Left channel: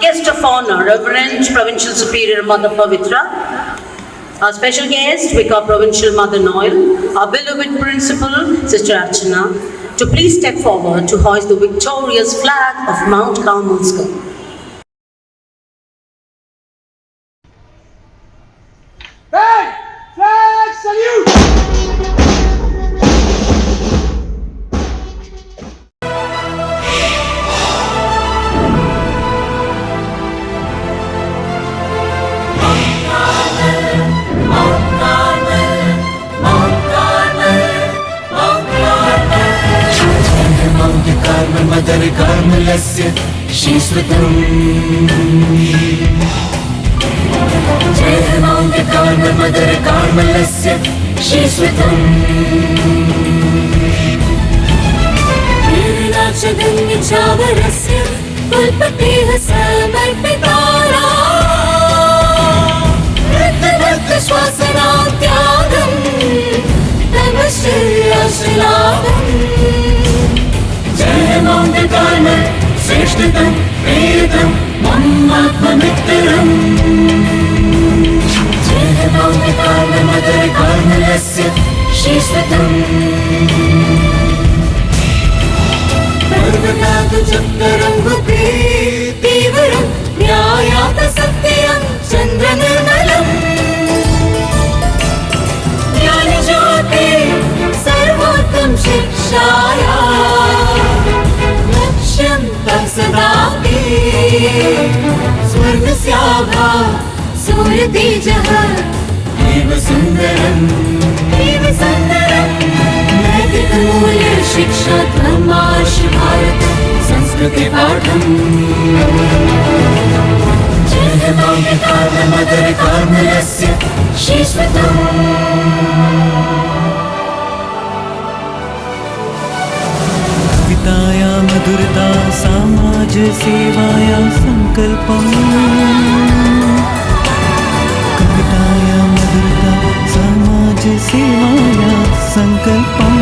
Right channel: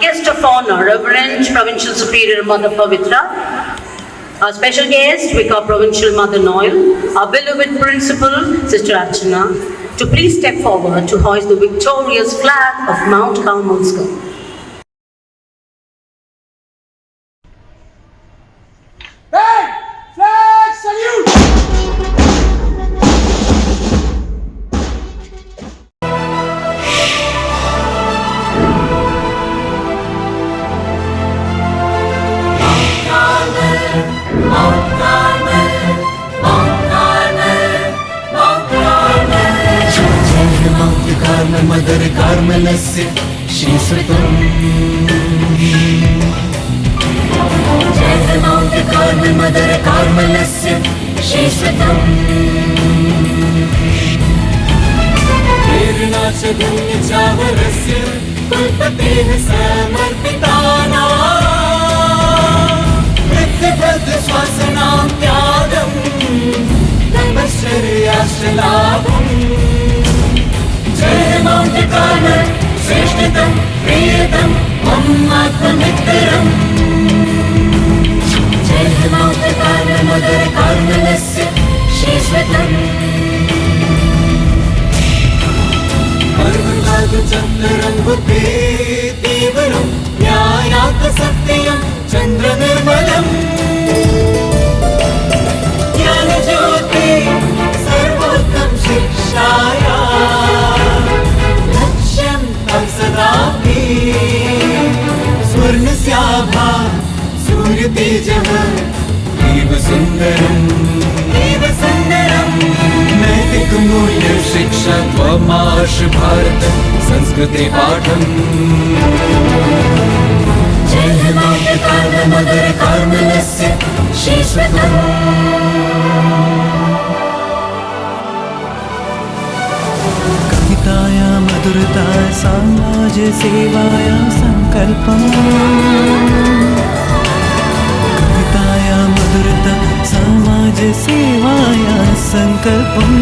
Guest of honor, Reverend Provincial Superior Mother Pavitra. Our special guest, Vicar Provincial Mother Noel. Our beloved Principal, Sister Archana, to please step forward to hoist the victorious flag of Mount Carmel School. Flag salute! Carmel, Mother Carmelasya, Shishvatam. Jai Hai Mount Carmel, Mother Carmelasya, Shishvatam. Prernacha Dhanya Chavarasya, Kulpateha Samarpitara. Riddha Bhaddha Swasana Tyagam, Tamashriya Shalabam. Jai Mount Carmel, Sreshtatam, Priyam, Mammatmamittaram. Jai Mount Carmel, Mother Carmelasya, Shishvatam. Parvatatu Chandarangupe, Tivaram, Nyayata Satyam, Chandra Nirmalam. Jnana Jyoti, Sarvottam Shikshaya. सदापि स्वर्णस्याभा सूर्यतेजः इव सुन्दरम् नैतिकमूल्य शिक्षा त्वमाश भारतं संस्कृति पाठम् जय माता Carmel mother कार्मेलस्य शीश्वतम् मधुरता समाज सेवायां संकल्पम् कवितायां मधुरता समाज सेवायां संकल्पम्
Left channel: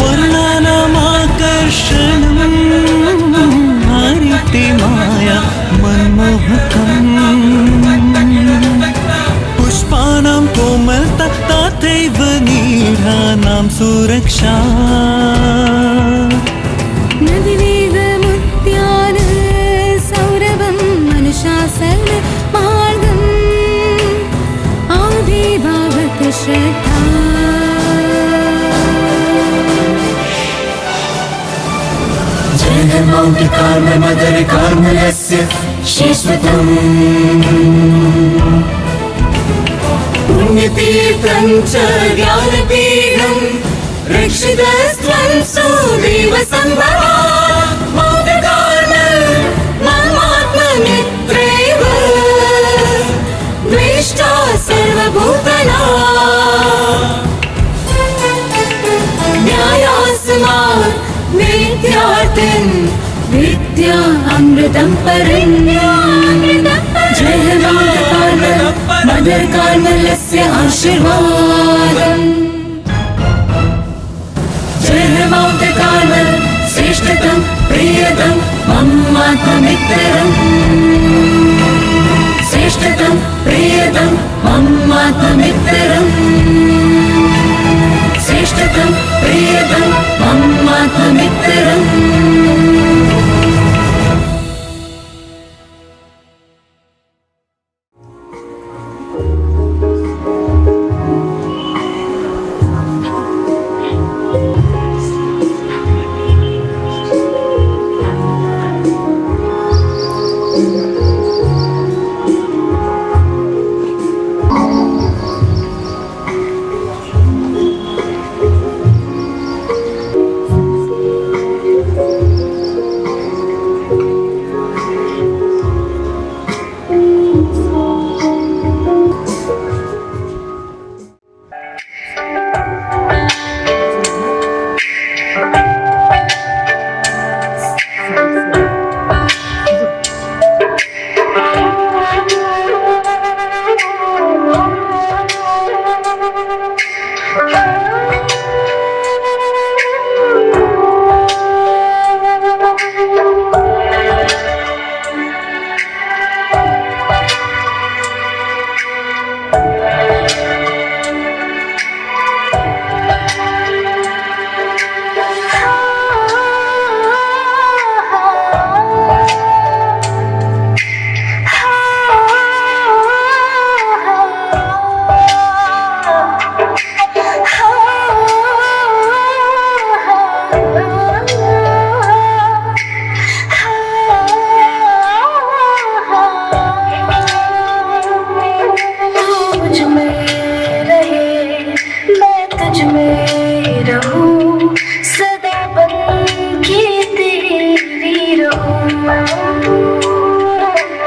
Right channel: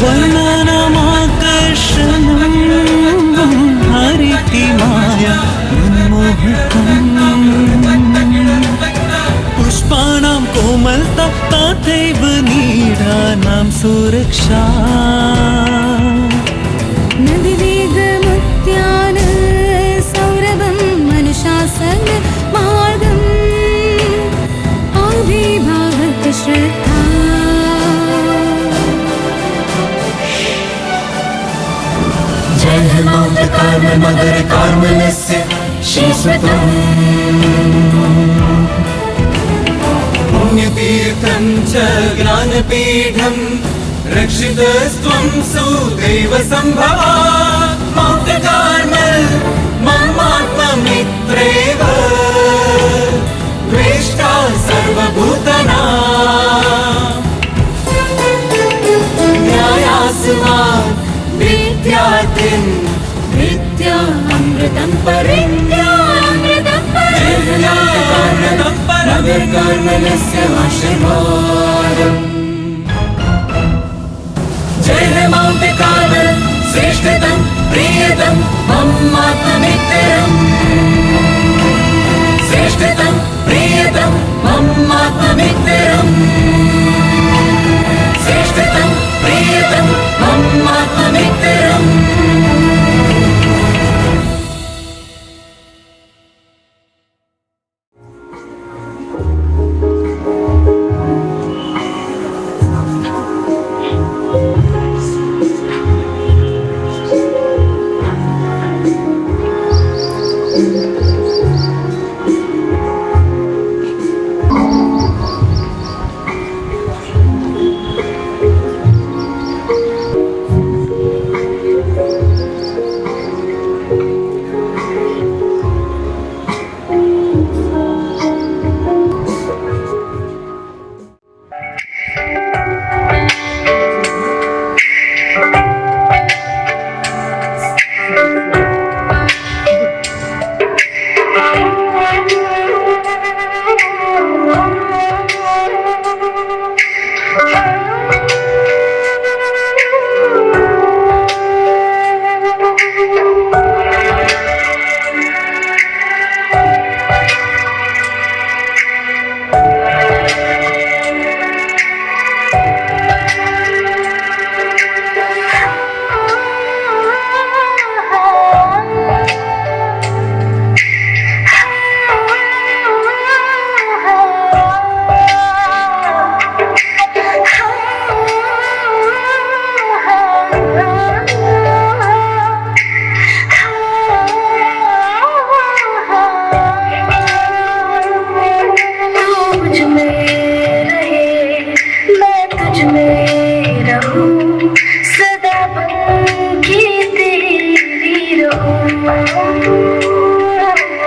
वर्णानामाकर्षणं हरितिमाया पुष्पाणां कोमलता तथैव नीडानां सुरक्षा Jai Mount Carmel, Mother Carmelasya, Shishvatam. Punyatitham cha Jnanapidham, Rakshitastvam Sudeva Sambhava. Mount Carmel, Mammatmamitreva, Drishta Sarvabhutana. Nyayasman Vidyarthin Vidya Amritam Parinyamritam Parinyamritam Mother Carmelasya Ashirvadam. Jai Mount Carmel, Sreshtatam, Priyam, Mammatmamittaram. Sreshtatam, Priyam, Mammatmamittaram. Sreshtatam, Priyam, Mammatmamittaram.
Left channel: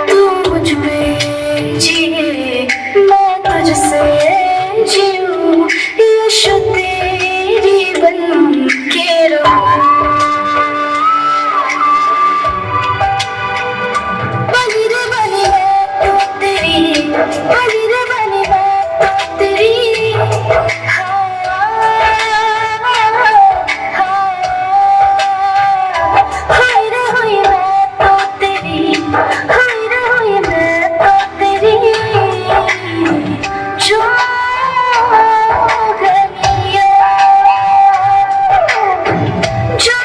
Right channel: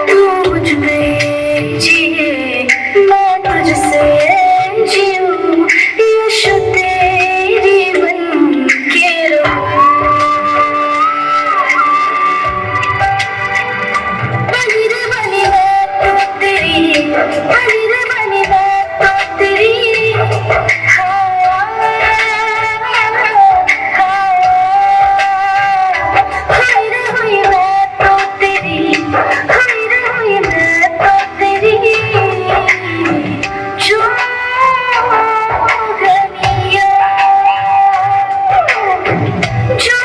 तू मुझ में जिए मैं तुझसे जीऊं यीशु तेरी बन के रहूं बनी रे बनी मैं तो तेरी बनी रे बनी मैं तो तेरी हाँ हुई रे हुई मैं तो तेरी हुई रे हुई मैं तो तेरी जो गलियां जो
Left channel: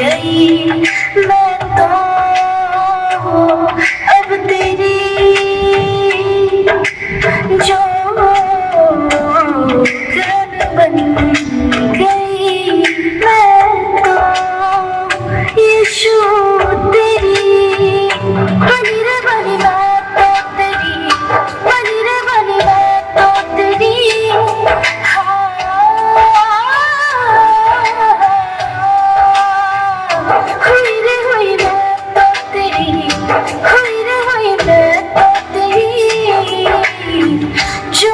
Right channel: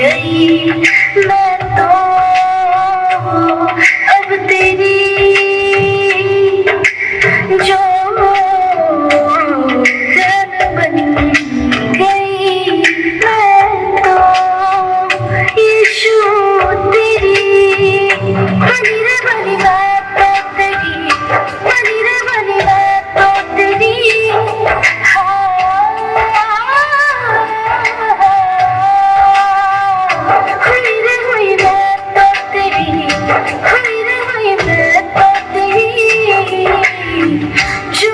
गई मैं तो अब तेरी जो गन बन गई मैं तो यीशु तेरी बनी रे बनी मैं तो तेरी बनी रे बनी मैं तो तेरी हुई रे हुई मैं तो तेरी हुई रे हुई मैं तो तेरी जो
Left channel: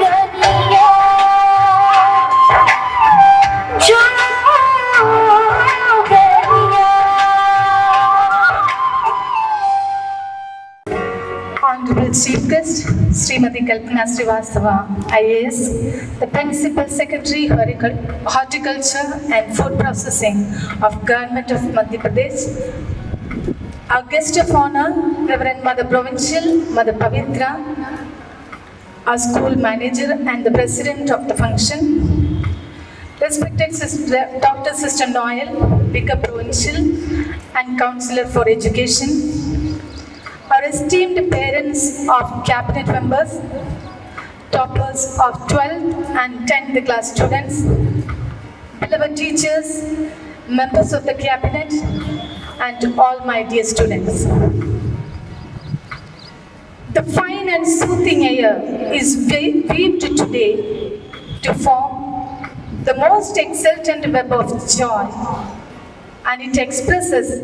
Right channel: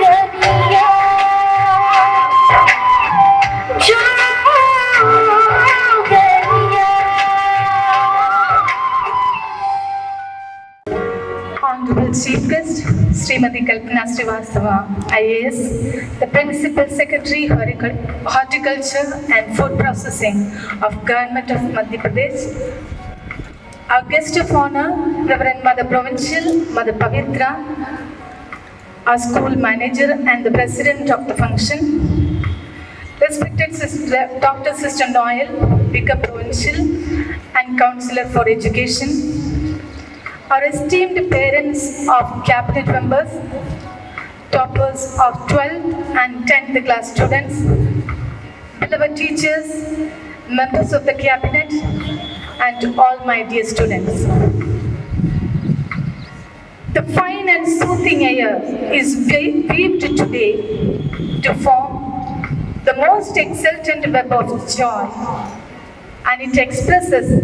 गलियां जो गलियां Honorable Chief Guest, Srimati Kalpana Srivastava, IAS, the Principal Secretary, Horticulture and Food Processing of Government of Madhya Pradesh. Our guest of honor, Reverend Mother Provincial, Mother Pavitra, our school manager and the president of the function. Respected Dr. Sister Noel, Vicar Provincial and Counselor for Education. Our esteemed parents of cabinet members, toppers of 12th and 10th class students, beloved teachers, members of the cabinet, and all my dear students. The fine and soothing air is weaved today to form the most exultant web of joy, and it expresses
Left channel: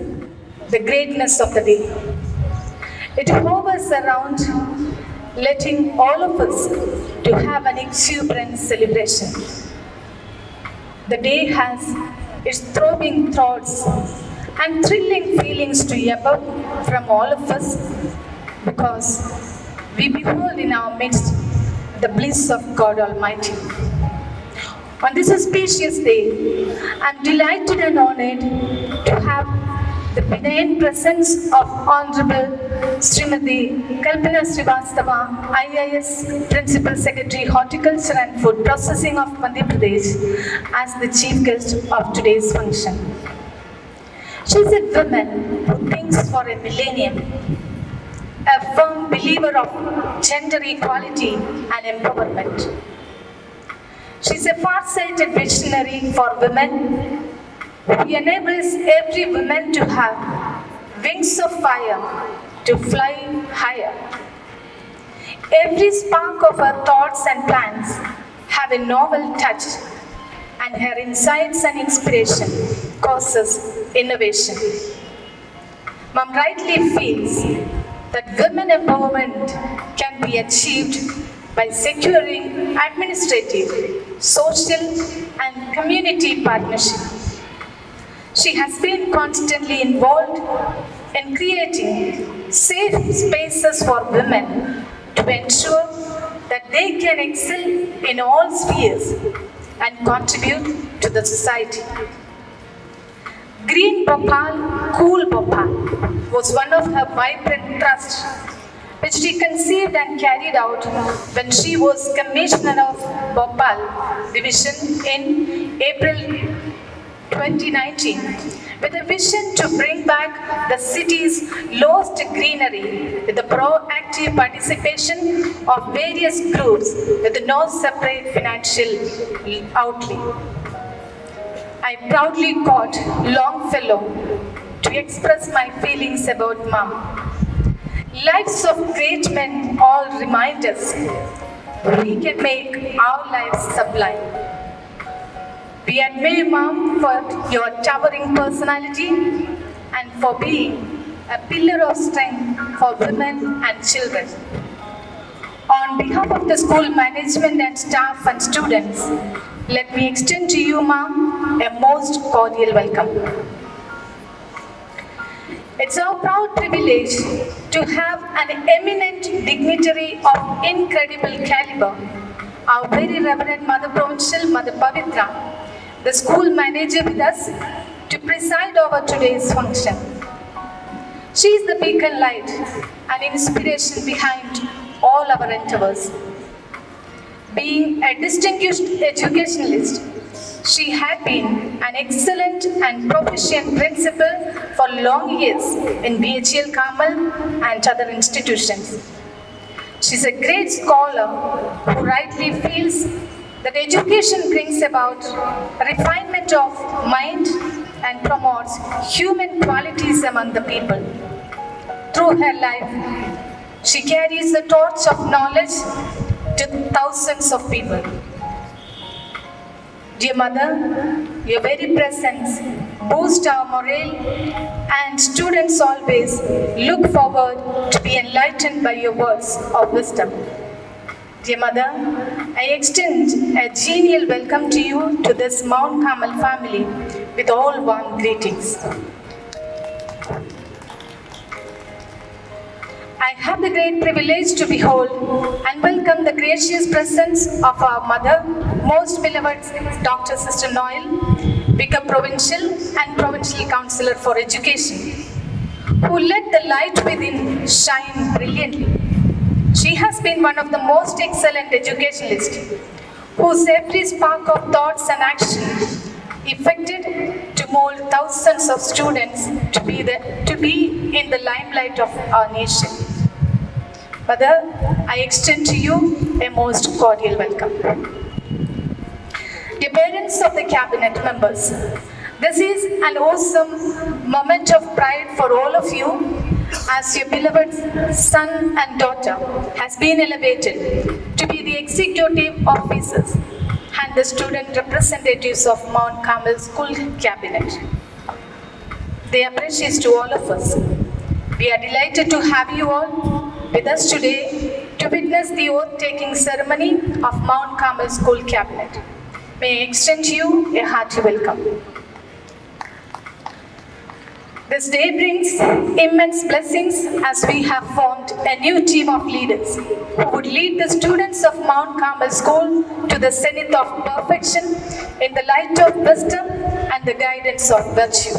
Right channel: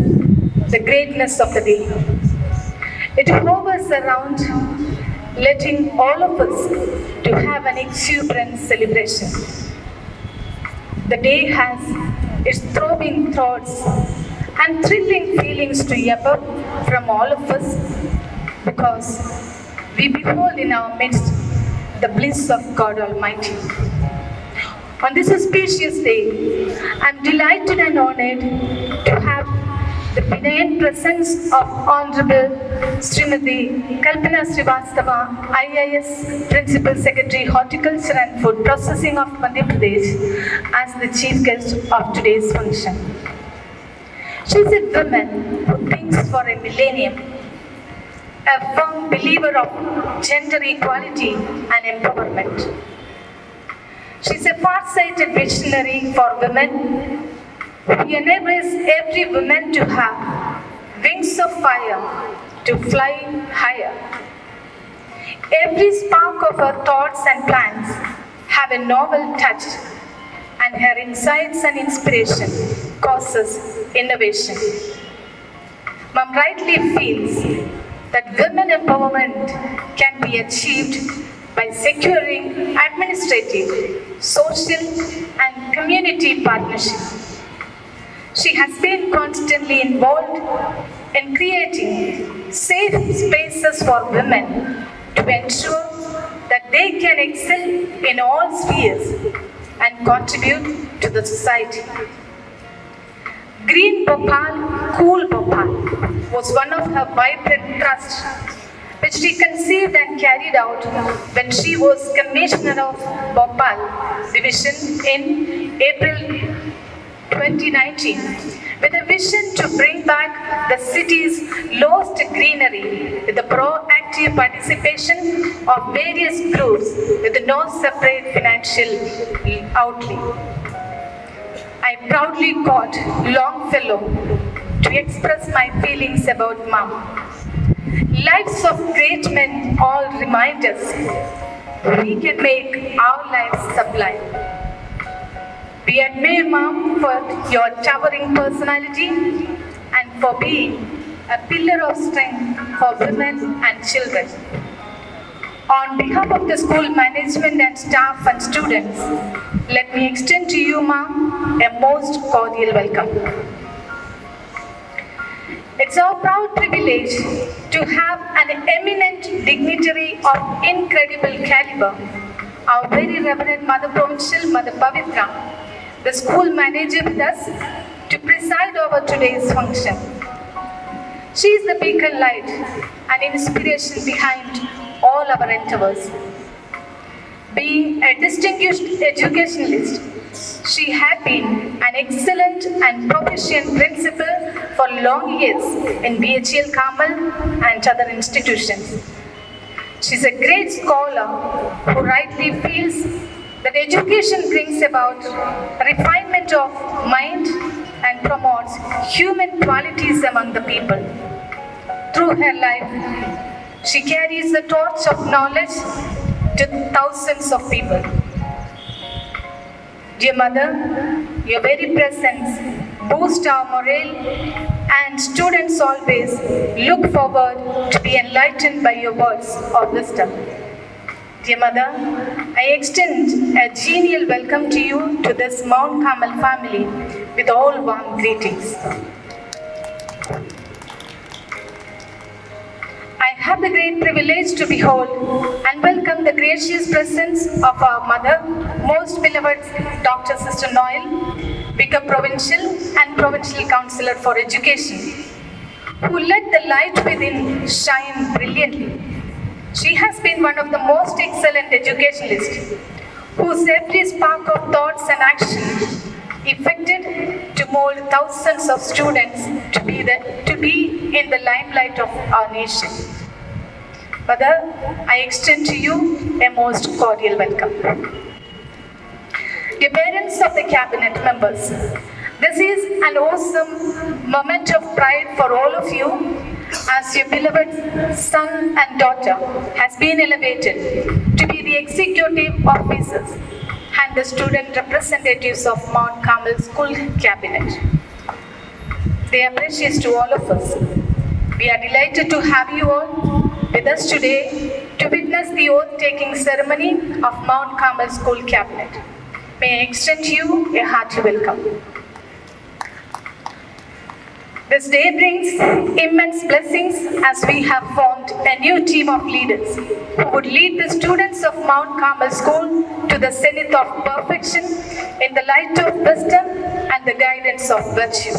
the greatness of the day. It hovers around, letting all of us to have an exuberant celebration. The day has its throbbing thoughts and thrilling feelings to evoke from all of us, because we behold in our midst the bliss of God Almighty. On this auspicious day, I am delighted and honored to have the benign presence of Honorable Srimati Kalpana Srivastava, IAS Principal Secretary, Horticulture and Food Processing of Madhya Pradesh, as the chief guest of today's function. She is a woman who thinks for a millennium, a firm believer of gender equality and empowerment. She is a far-sighted visionary for women who enables every woman to have wings of fire to fly higher. Every spark of her thoughts and plans have a novel touch, and her insights and inspiration causes innovation. Mom rightly feels that women empowerment can be achieved by securing administrative, social, and community partnership. She has been constantly involved in creating safe spaces for women to ensure that they can excel in all spheres and contribute to the society. Green Bhopal, Cool Bhopal was one of her vibrant thrusts, which she conceived and carried out when she was Commissioner of Bhopal Division in April 2019, with a vision to bring back the city's lost greenery with the proactive participation of various groups with no separate financial outlay. I proudly quote Longfellow to express my feelings about Mom. Lives of great men all remind us we can make our lives sublime. We admire Mom for your towering personality and for being a pillar of strength for women and children. On behalf of the school management and staff and students, let me extend to you, Mom, a most cordial welcome. It's our proud privilege to have an eminent dignitary of incredible caliber, our very Reverend Mother Provincial, Mother Pavitra, the school manager with us, to preside over today's function. She is the beacon light and inspiration behind all our endeavors. Being a distinguished educationalist, she had been an excellent and proficient principal for long years in BHL Carmel and other institutions. She is a great scholar who rightly feels that education brings about refinement of mind and promotes human qualities among the people. Through her life, she carries the torch of knowledge to thousands of people. Dear Mother, your very presence boosts our morale, and students always look forward to be enlightened by your words of wisdom. Dear Mother, I extend a genial welcome to you to this Mount Carmel family with all warm greetings. I have the great privilege to behold and welcome the gracious presence of our mother, most beloved Dr. Sister Noel, Vicar Provincial and Provincial Councillor for Education, who let the light within shine brilliantly. She has been one of the most excellent educationalists, whose every spark of thoughts and action effected to mold thousands of students to be in the limelight of our nation. Mother, I extend to you a most cordial welcome. Dear parents of the cabinet members, this is an awesome moment of pride for all of you as your beloved son and daughter has been elevated to be the executive officers and the student representatives of Mount Carmel School Cabinet. They are precious to all of us. We are delighted to have you all with us today to witness the oath-taking ceremony of Mount Carmel School Cabinet. May I extend you a hearty welcome. This day brings immense blessings as we have formed a new team of leaders who would lead the students of Mount Carmel School to the zenith of perfection in the light of wisdom and the guidance of virtue.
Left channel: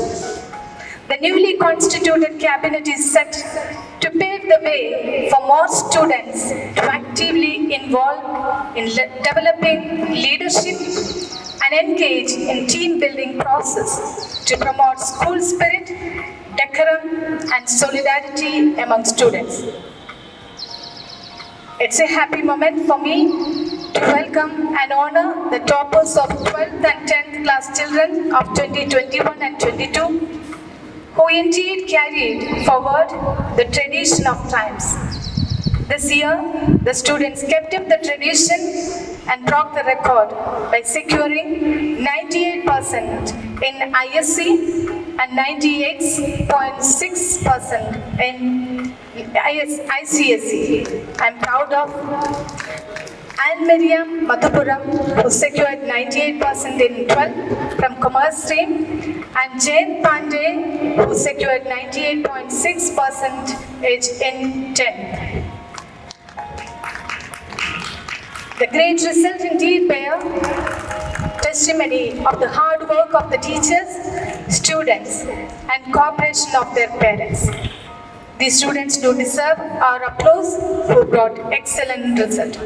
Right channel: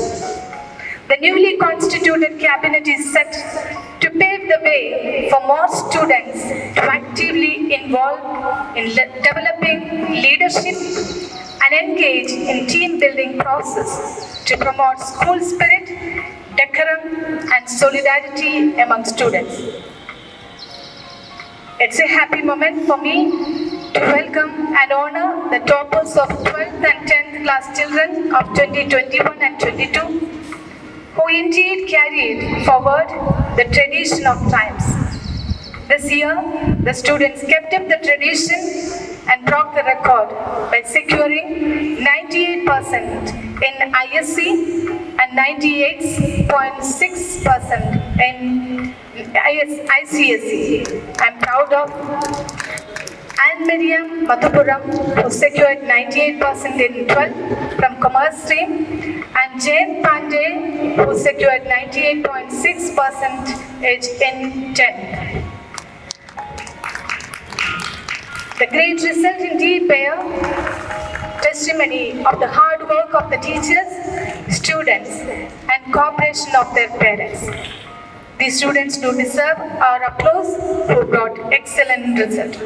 The newly constituted cabinet is set to pave the way for more students to actively involve in developing leadership and engage in team building process to promote school spirit, decorum and solidarity among students. It's a happy moment for me to welcome and honor the toppers of 12th and 10th class children of 2021 and 22 who indeed carried forward the tradition of times. This year, the students kept up the tradition and broke the record by securing 98% in ISC and 98.6% in ICSE. I'm proud of Anne Miriam Madhupuram, who secured 98% in 12 from Commerce stream, and Jane Pandey, who secured 98.6% in 10. The great result indeed bear testimony of the hard work of the teachers, students, and cooperation of their parents. These students do deserve our applause who brought excellent result.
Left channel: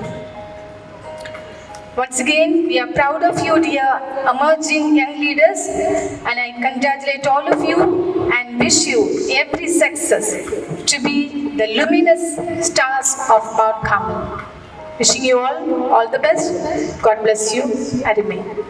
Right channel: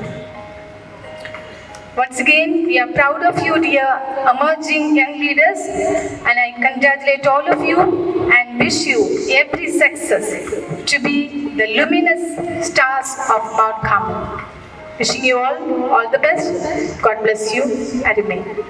Once again, we are proud of you, dear emerging young leaders, and I congratulate all of you and wish you every success to be the luminous stars of Mount Carmel. Wishing you all the best. God bless you and remain.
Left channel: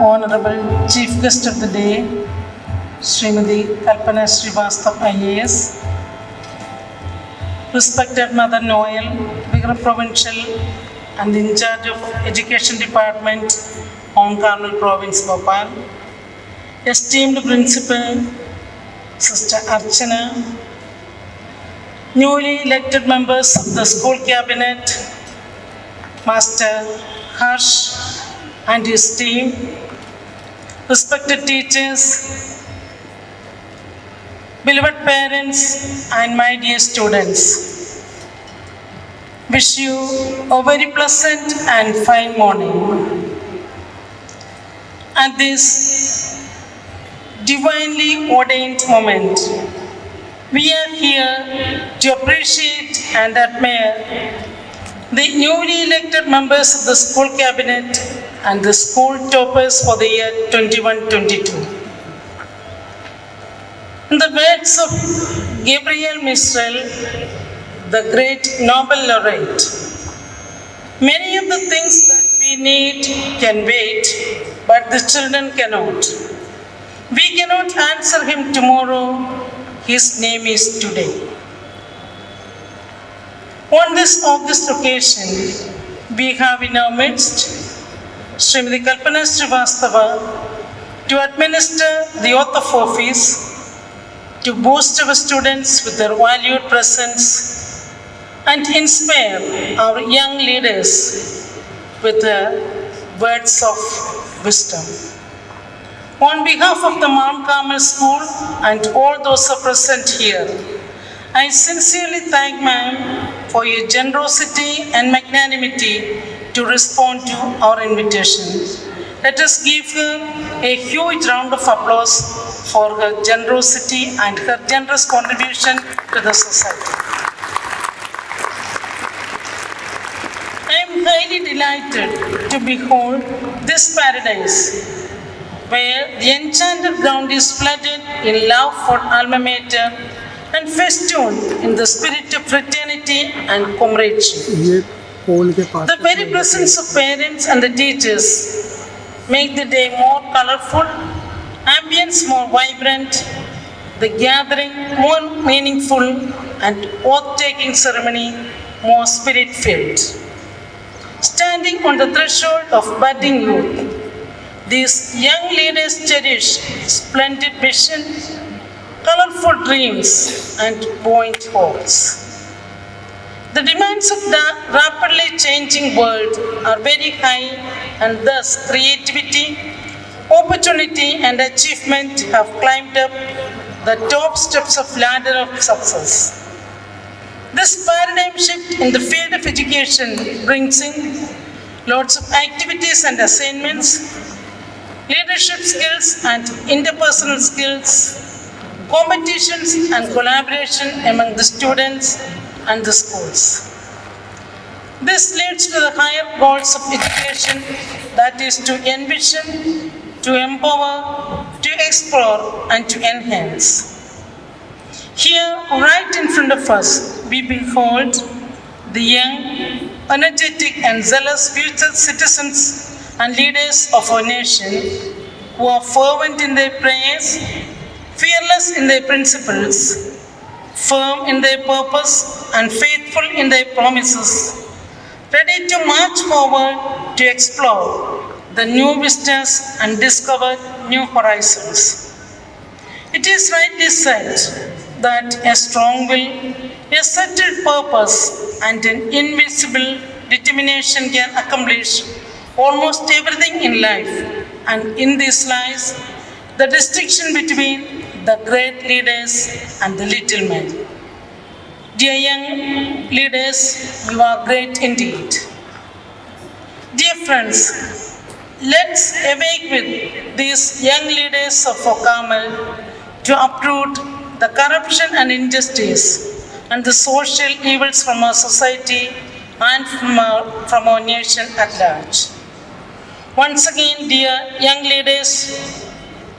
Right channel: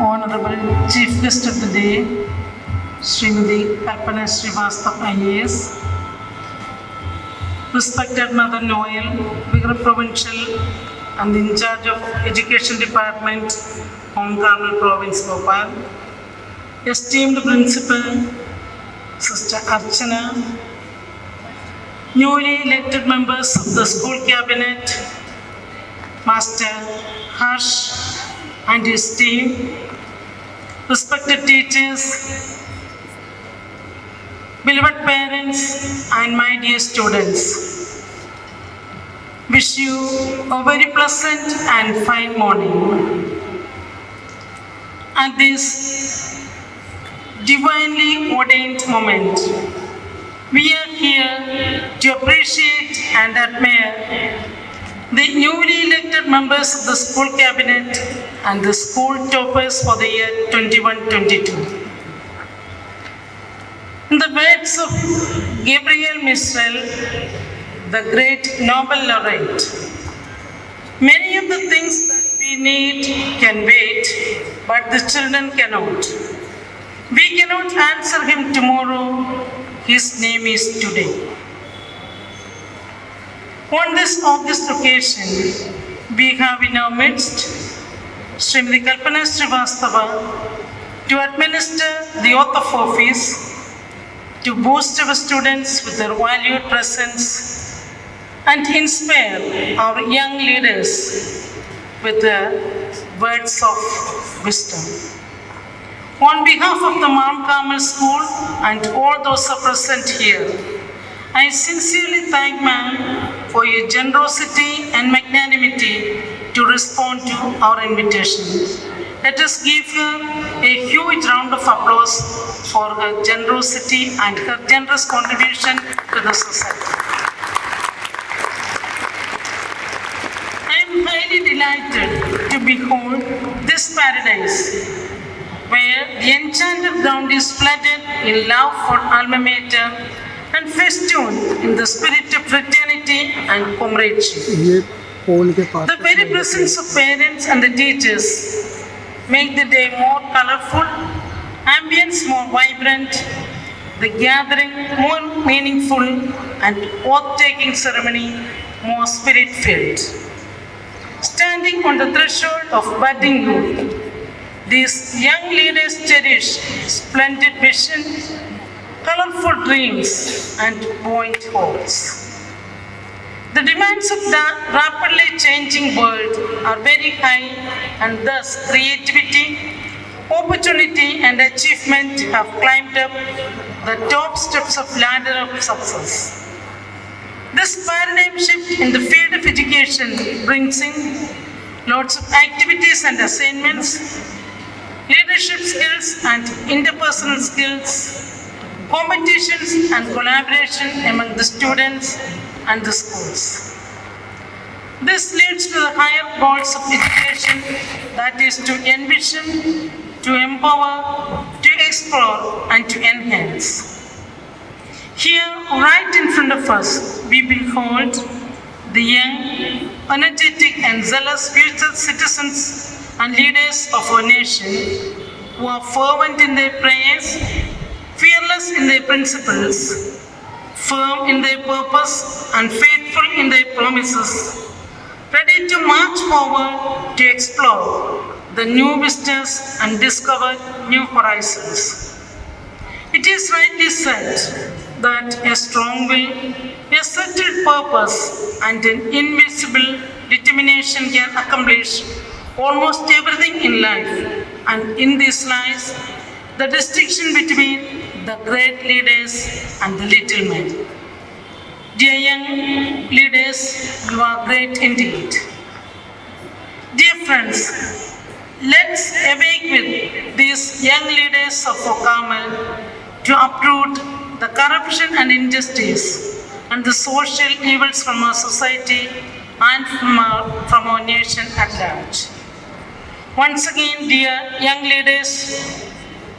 Honorable Chief Guest of the Day, Srimati Kalpana Srivastav IAS, Respected Mother Noel, Bigger Provincial and in charge of Education Department, Mount Carmel Province, Bhopal, esteemed Principal, Sister Archana, newly elected members of the School Cabinet, Master Harsh and his team, respected teachers, beloved parents, and my dear students. Wish you a very pleasant and fine morning. At this divinely ordained moment, We are here to appreciate and admire the newly elected members of the school cabinet and the school toppers for the year 21-22. In the words of Gabriel Mistral, the great Nobel laureate, many of the things that we need can wait, but the children cannot. We cannot answer him tomorrow, his name is today. On this August occasion, we have in our midst Srimati Kalpana Srivastava to administer the oath of office, to boost our students with their valued presence and inspire our young leaders with the words of wisdom. On behalf of the Mount Carmel School and all those who are present here, I sincerely thank ma'am for your generosity and magnanimity to respond to our invitation. Let us give her a huge round of applause for her generosity and her generous contribution to the society. I am highly delighted to behold this paradise where the enchanted ground is flooded in love for alma mater and festooned in the spirit of fraternity and comradeship. The very presence of parents and the teachers make the day more colorful, ambience more vibrant, the gathering more meaningful, and oath-taking ceremony more spirit-filled. Standing on the threshold of budding youth, these young leaders cherish splendid vision, colorful dreams, and buoyant hopes. The demands of the rapidly changing world are very high, and thus creativity, opportunity, and achievement have climbed up the top steps of ladder of success. This paradigm shift in the field of education brings in lots of activities and assignments, leadership skills and interpersonal skills, competitions and collaboration among the students and the schools. This leads to the higher goals of education, that is to envision, to empower, to explore, and to enhance. Here, right in front of us, we behold the young, energetic, and zealous future citizens and leaders of our nation who are fervent in their prayers, fearless in their principles, firm in their purpose, and faithful in their promises, ready to march forward to explore the new vistas and discover new horizons. It is rightly said that a strong will, a settled purpose, and an invincible determination can accomplish almost everything in life, and in this lies the distinction between the great leaders and the little men. Dear young leaders, you are great indeed. Dear friends, let's awake with these young leaders of Carmel to uproot the corruption and injustice and the social evils from our society and from our nation at large. Once again, dear young leaders,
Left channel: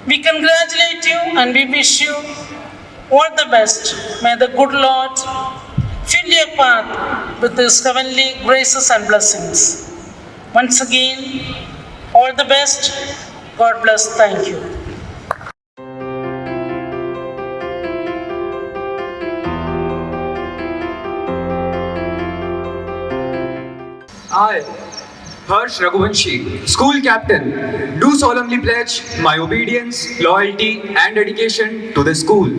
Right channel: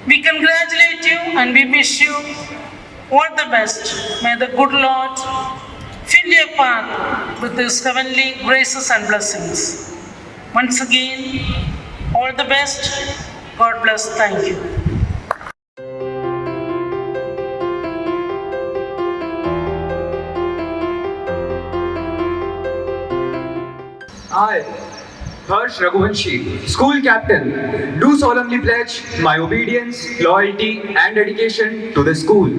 we congratulate you and we wish you all the best. May the good Lord fill your path with His heavenly graces and blessings. Once again, all the best. God bless. Thank you. I, Harsh Raghuvanshi, school captain, do solemnly pledge my obedience, loyalty and dedication to the school.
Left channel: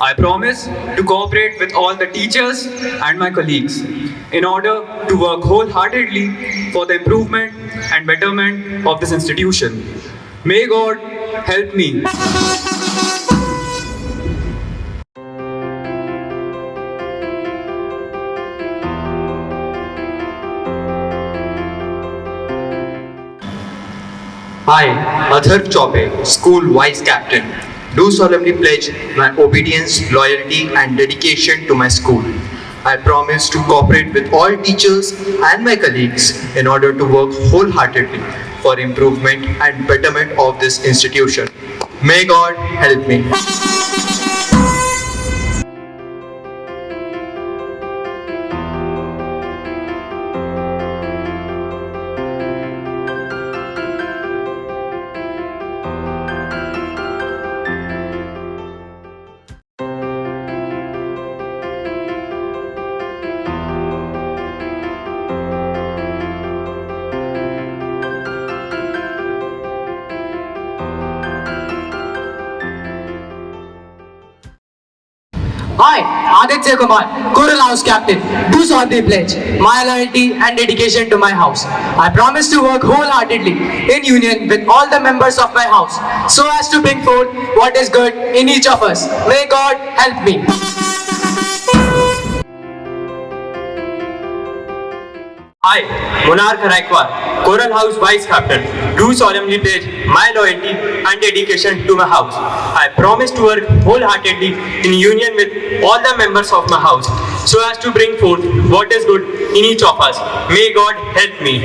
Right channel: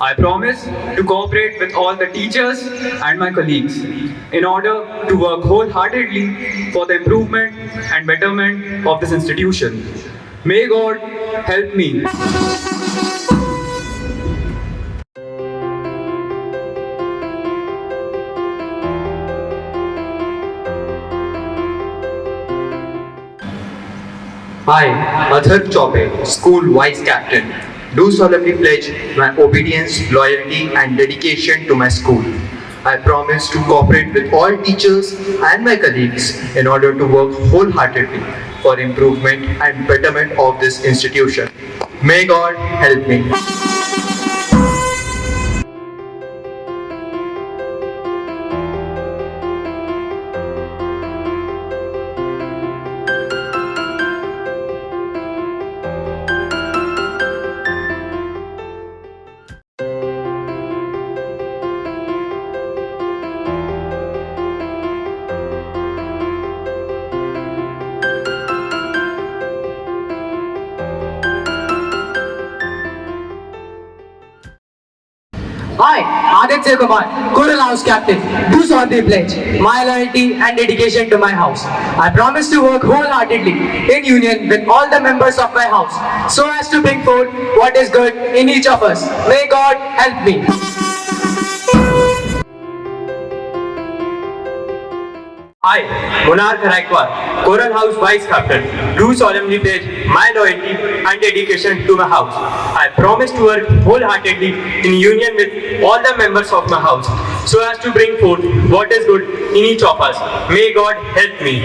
I promise to cooperate with all the teachers and my colleagues in order to work wholeheartedly for the improvement and betterment of this institution. May God help me. I, Adhar Chaube, School Vice Captain, do solemnly pledge my obedience, loyalty, and dedication to my school. I promise to cooperate with all teachers and my colleagues in order to work wholeheartedly for improvement and betterment of this institution. May God help me. I, Aditya Kumar, Coral House Captain, do solemnly pledge my loyalty and dedication to my house. I promise to work wholeheartedly in union with all the members of my house so as to bring forth what is good in each of us. May God help me. I, Monarch Raikwar, Coral House Vice Captain, do solemnly pledge my loyalty and dedication to my house. I promise to work wholeheartedly in union with all the members of my house so as to bring forth what is good in each of us. May God help me.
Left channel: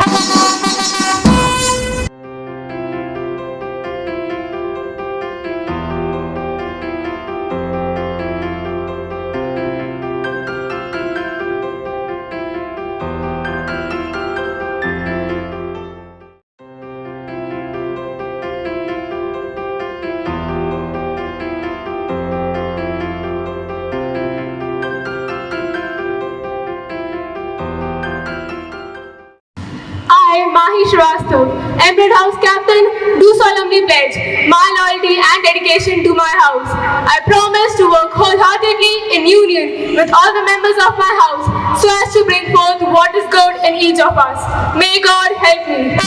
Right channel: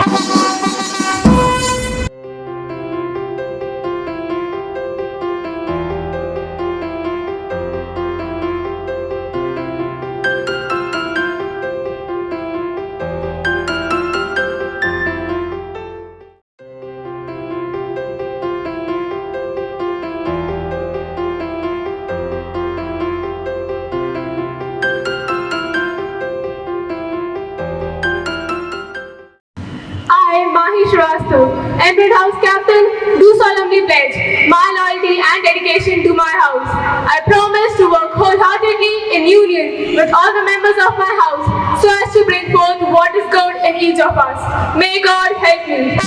I, Mahi Shrivastava, Emerald House Captain, do solemnly pledge my loyalty and dedication to my house. I promise to work wholeheartedly in union with all the members of my house so as to bring forth what is good in each of us. May God help me.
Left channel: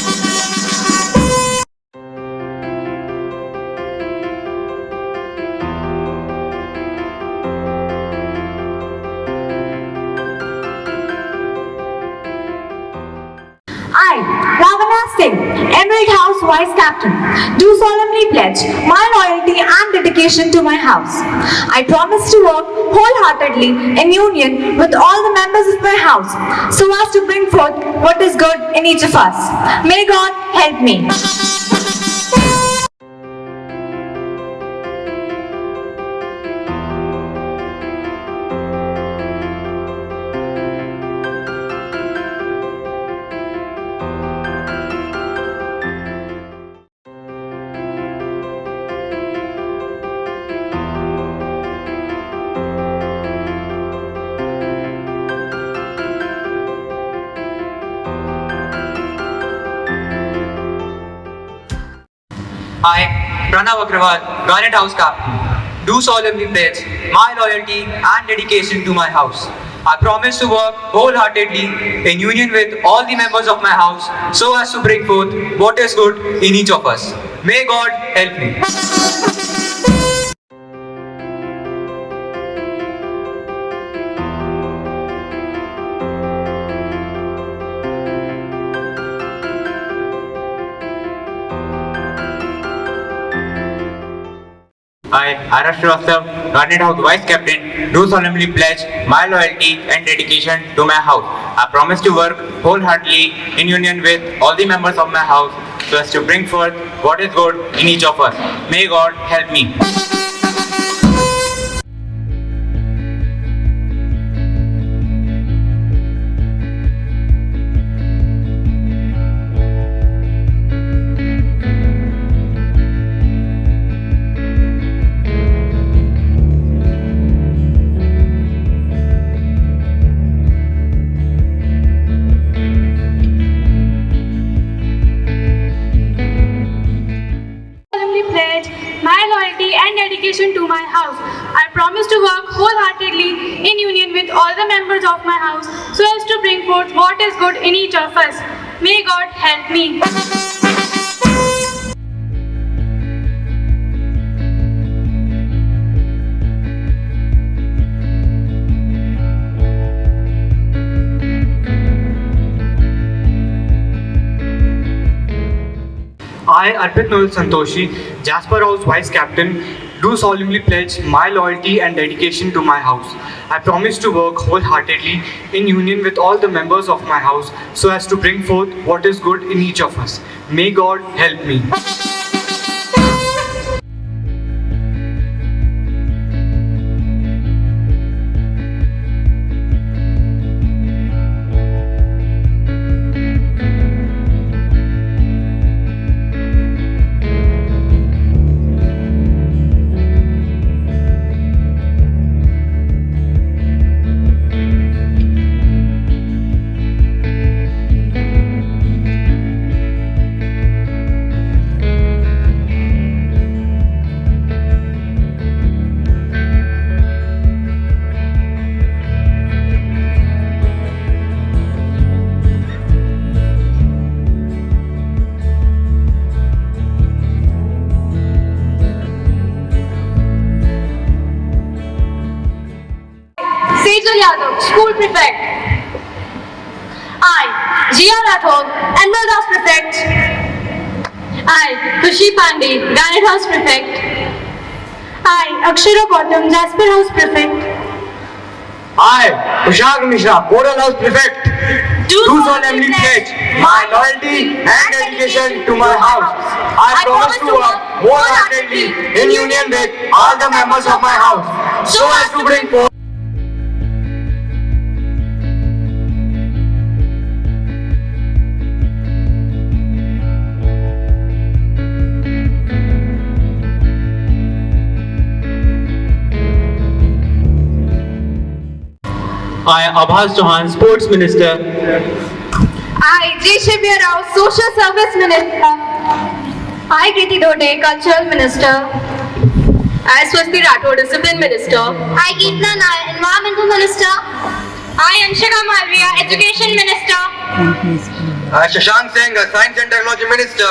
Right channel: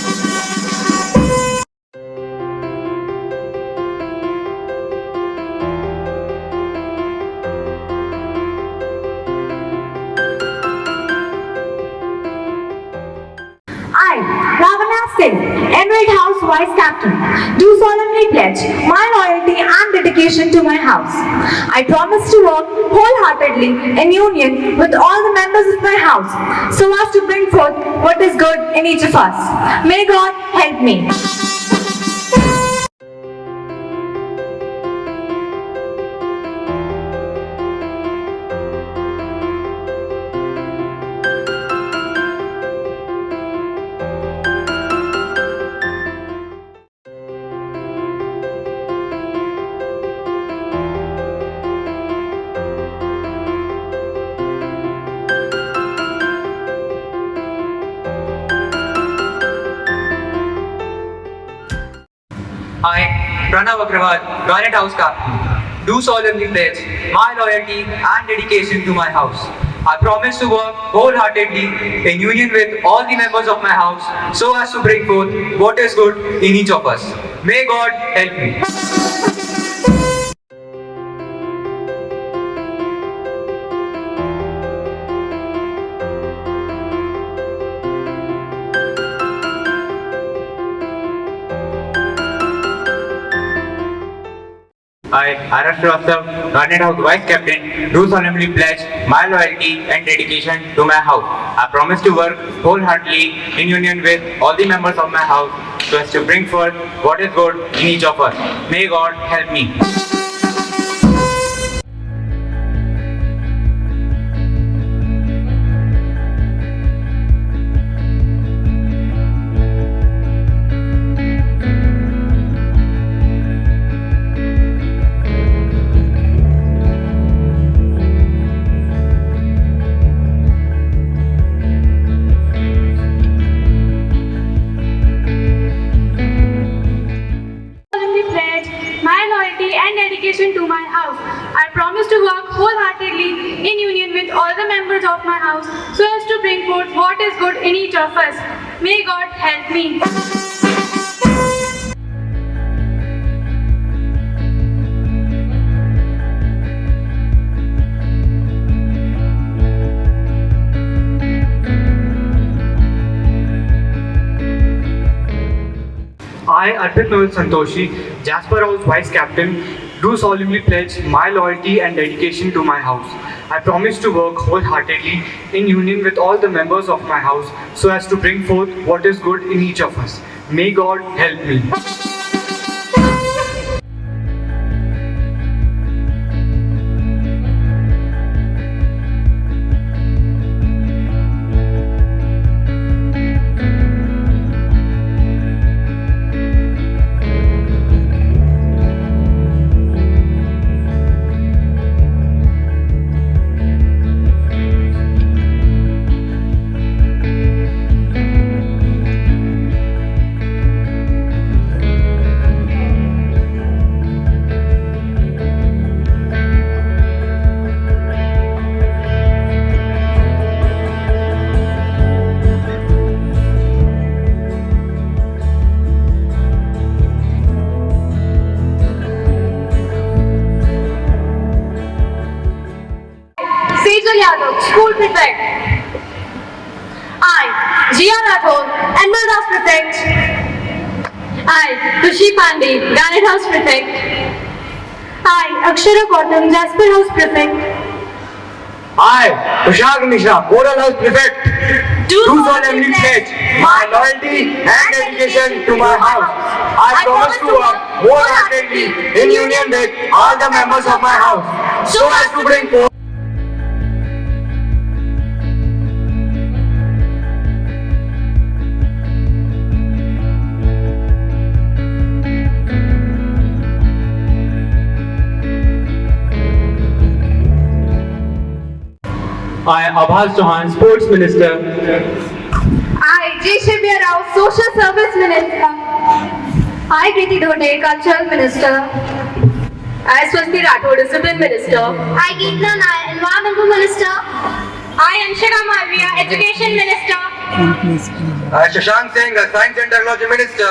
I, Ravana Singh, Emerald House Vice Captain, do solemnly pledge my loyalty and dedication to my house. I promise to work wholeheartedly in union with all the members of my house so as to bring forth what is good in each of us. May God help me. I, Pranav Agrawal, Garnet House Captain, do solemnly pledge my loyalty and dedication to my house. I promise to work wholeheartedly in union with all the members of my house so as to bring forth what is good in each of us. May God help me. I, R.S. Shrivastava, Garnet House Vice Captain, do solemnly pledge my loyalty and dedication to my house. I promise to work wholeheartedly in union with all the members of my house so as to bring forth what is good in each of us. May God help me. And dedication to my house. I promise to work wholeheartedly in union with all the members of my house so as to bring forth what is good in each of us. May God help me. I, Arpit Noel Santoshi, Jasper House Vice Captain, do solemnly pledge my loyalty and dedication to my house. I promise to work wholeheartedly in union with all the members of my house so as to bring forth what is good in each of us. May God help me. Sejal Yadav, School Prefect. I, Jia Rathod, Animal House Prefect. I, Kushi Pandey, Granite House Prefect. I, Akshara Gautam, Jasper House Prefect. I, Kushal Mishra, Coral House Prefect, do solemnly pledge my loyalty and dedication to my house. I promise to work wholeheartedly in union with all the members of my house so as to bring forth. I, Abhas Chauhan, Sports Minister. I, J. Shivya Rao, Social Service Minister. I, Kriti Dode, Cultural Minister. I, Swasti Rathod, Discipline Minister. I, Geetna Nair, Environmental Minister. I, Anshika Malviya, Education Minister. Shashank Singh, Science and Technology Minister,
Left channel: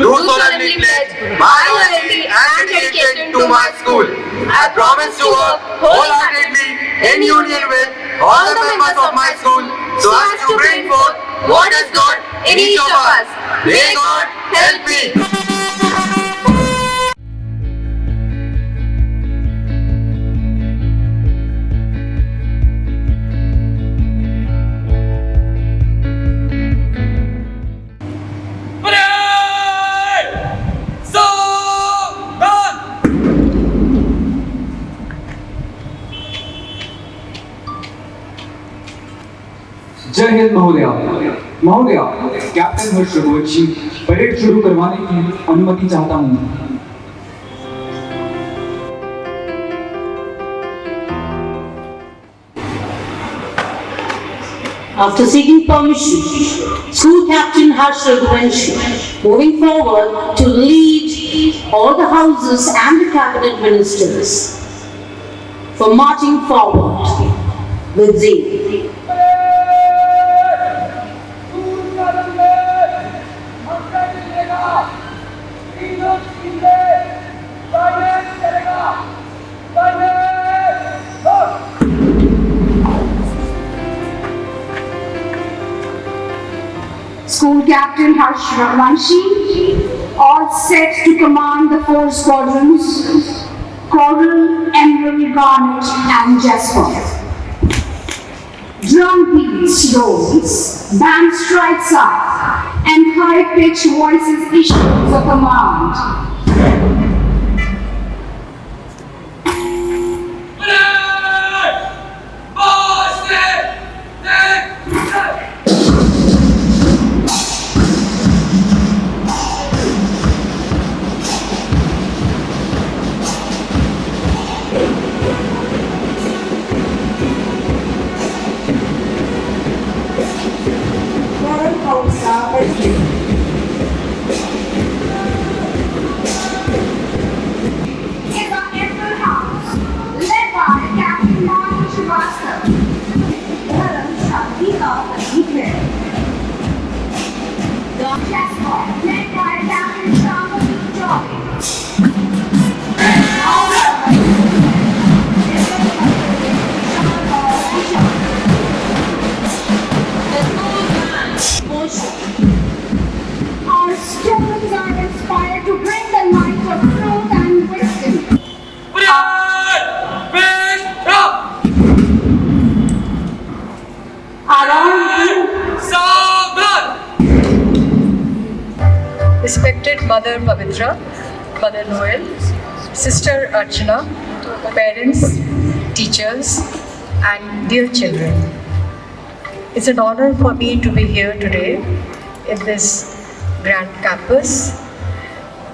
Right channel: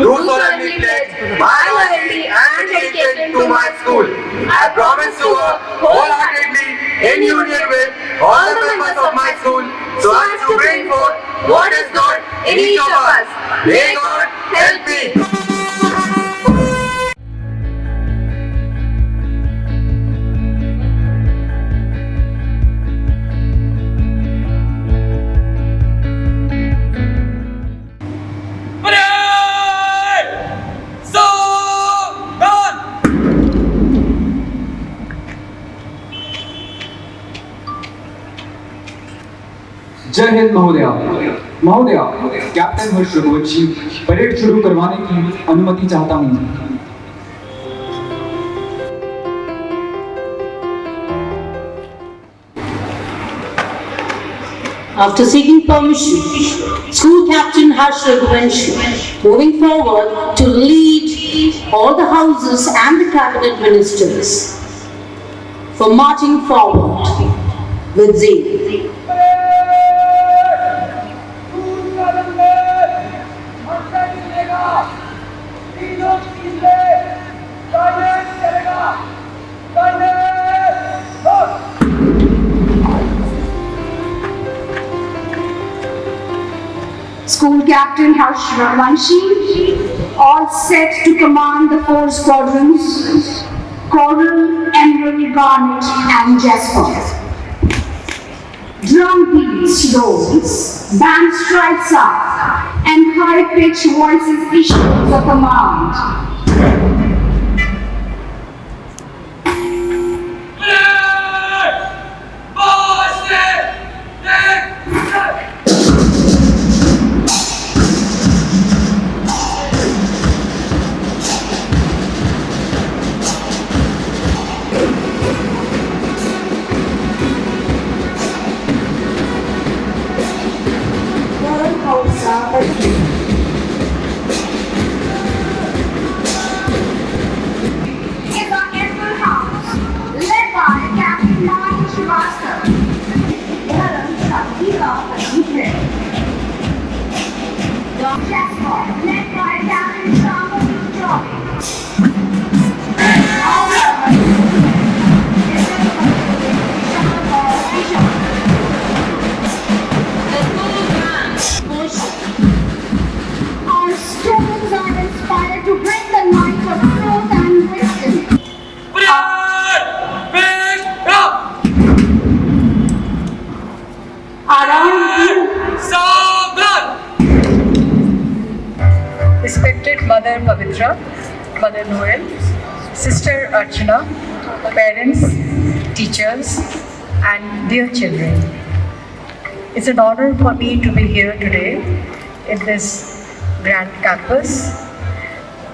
do solemnly pledge my loyalty and dedication to my school. I promise to work wholeheartedly in union with all the members of my school so as to bring forth what is good in each of us. May God help me. जय हिंद महोदया। महोदया, captain हर्ष Raghuvanshi parade शुरू करवाने की अनुमति चाहता हूँ। After seeking permission, School Captain Harsh Raghuvanshi moving forward to lead all the houses and the cabinet ministers for marching forward with zeal. School Captain Harsh Raghuvanshi, all set to command the 4 squadrons, Coral, Emerald, Garnet and Jasper. Drum beats rolls, band strikes up, and high-pitched voices issue a command. Respected Mother Pavitra, Mother Noel, Sister Archana, parents, teachers, and dear children. It's an honor for me to be here today in this grand campus.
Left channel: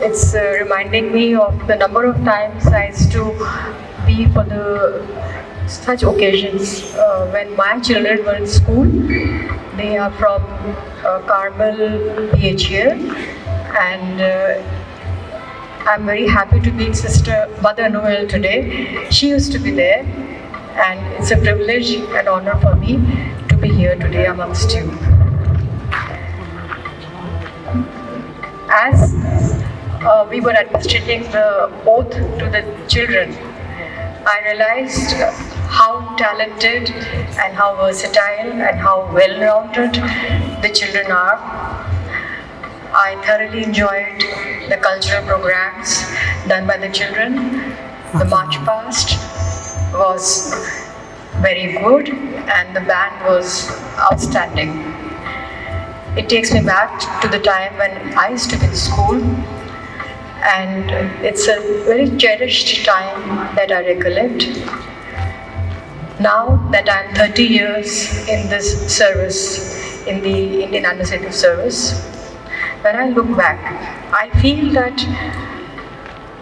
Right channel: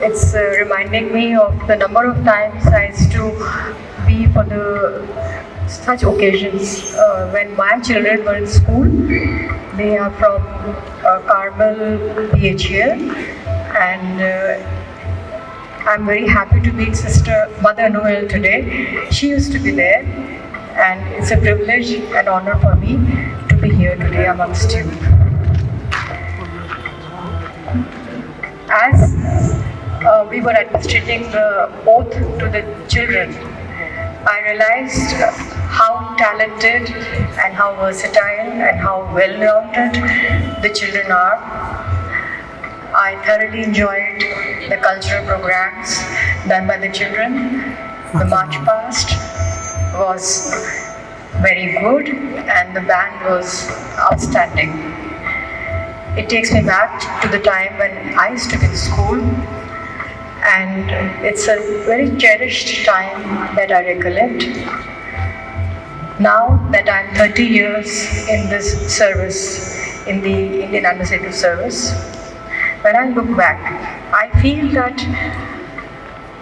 It's reminding me of the number of times I used to be for such occasions when my children were in school. They are from Carmel PH here, and I'm very happy to meet Sister Mother Noel today. She used to be there, and it's a privilege and honor for me to be here today amongst you. As we were administrating the oath to the children, I realized how talented and how versatile and how well-rounded the children are. I thoroughly enjoyed the cultural programs done by the children. The march past was very good and the band was outstanding. It takes me back to the time when I used to be in school, and it's a very cherished time that I recollect. Now that I'm 30 years in this service, in the Indian Administrative Service, when I look back, I feel that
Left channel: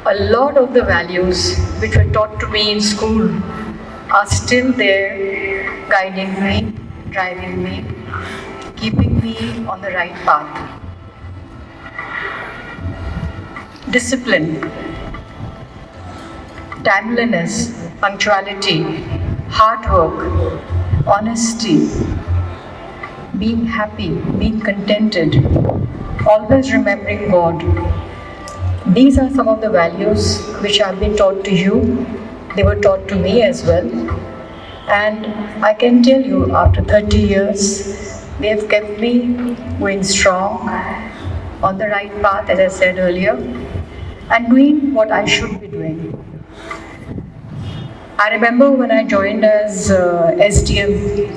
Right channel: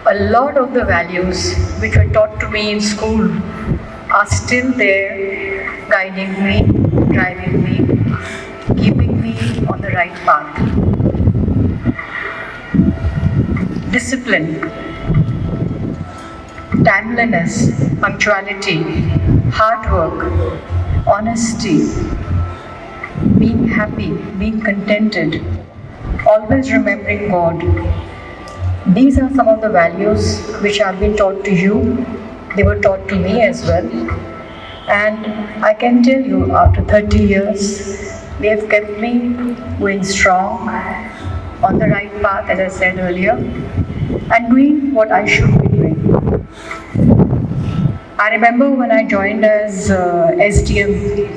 a lot of the values which were taught to me in school are still there, guiding me, driving me, keeping me on the right path. Discipline, timeliness, punctuality, hard work, honesty, being happy, being contented, always remembering God. These are some of the values which have been taught to you. They were taught to me as well. And I can tell you, after 30 years, they have kept me going strong, on the right path, as I said earlier, and doing what I should be doing. I remember when I joined as SDM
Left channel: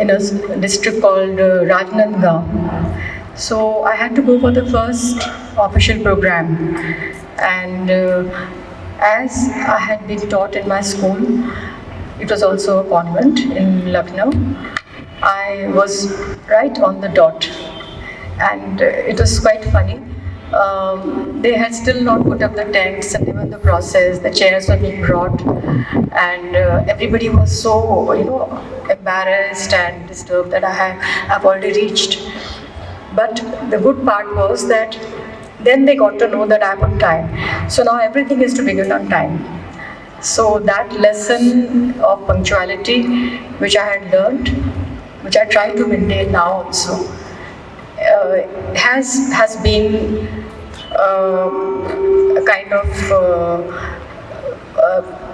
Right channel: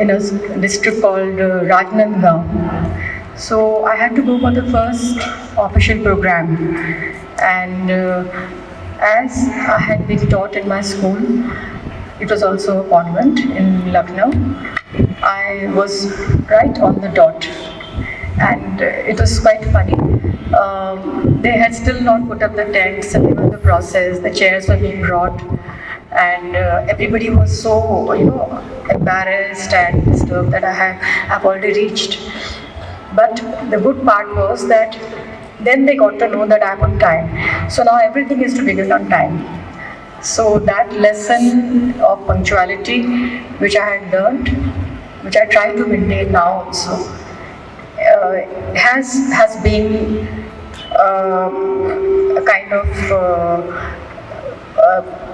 in a district called Rajnandgaon. So I had to go for the first official program, and as I had been taught in my school, it was also a convent in Lucknow, I was right on the dot, and it was quite funny. They had still not put up the tents, and they were in the process, the chairs were being brought, and everybody was so, embarrassed and disturbed that I've already reached. But the good part was that then they got to know that I'm on time. So now everything is to be done on time. So that lesson of punctuality, which I had learned, which I try to maintain now also, has been a kind of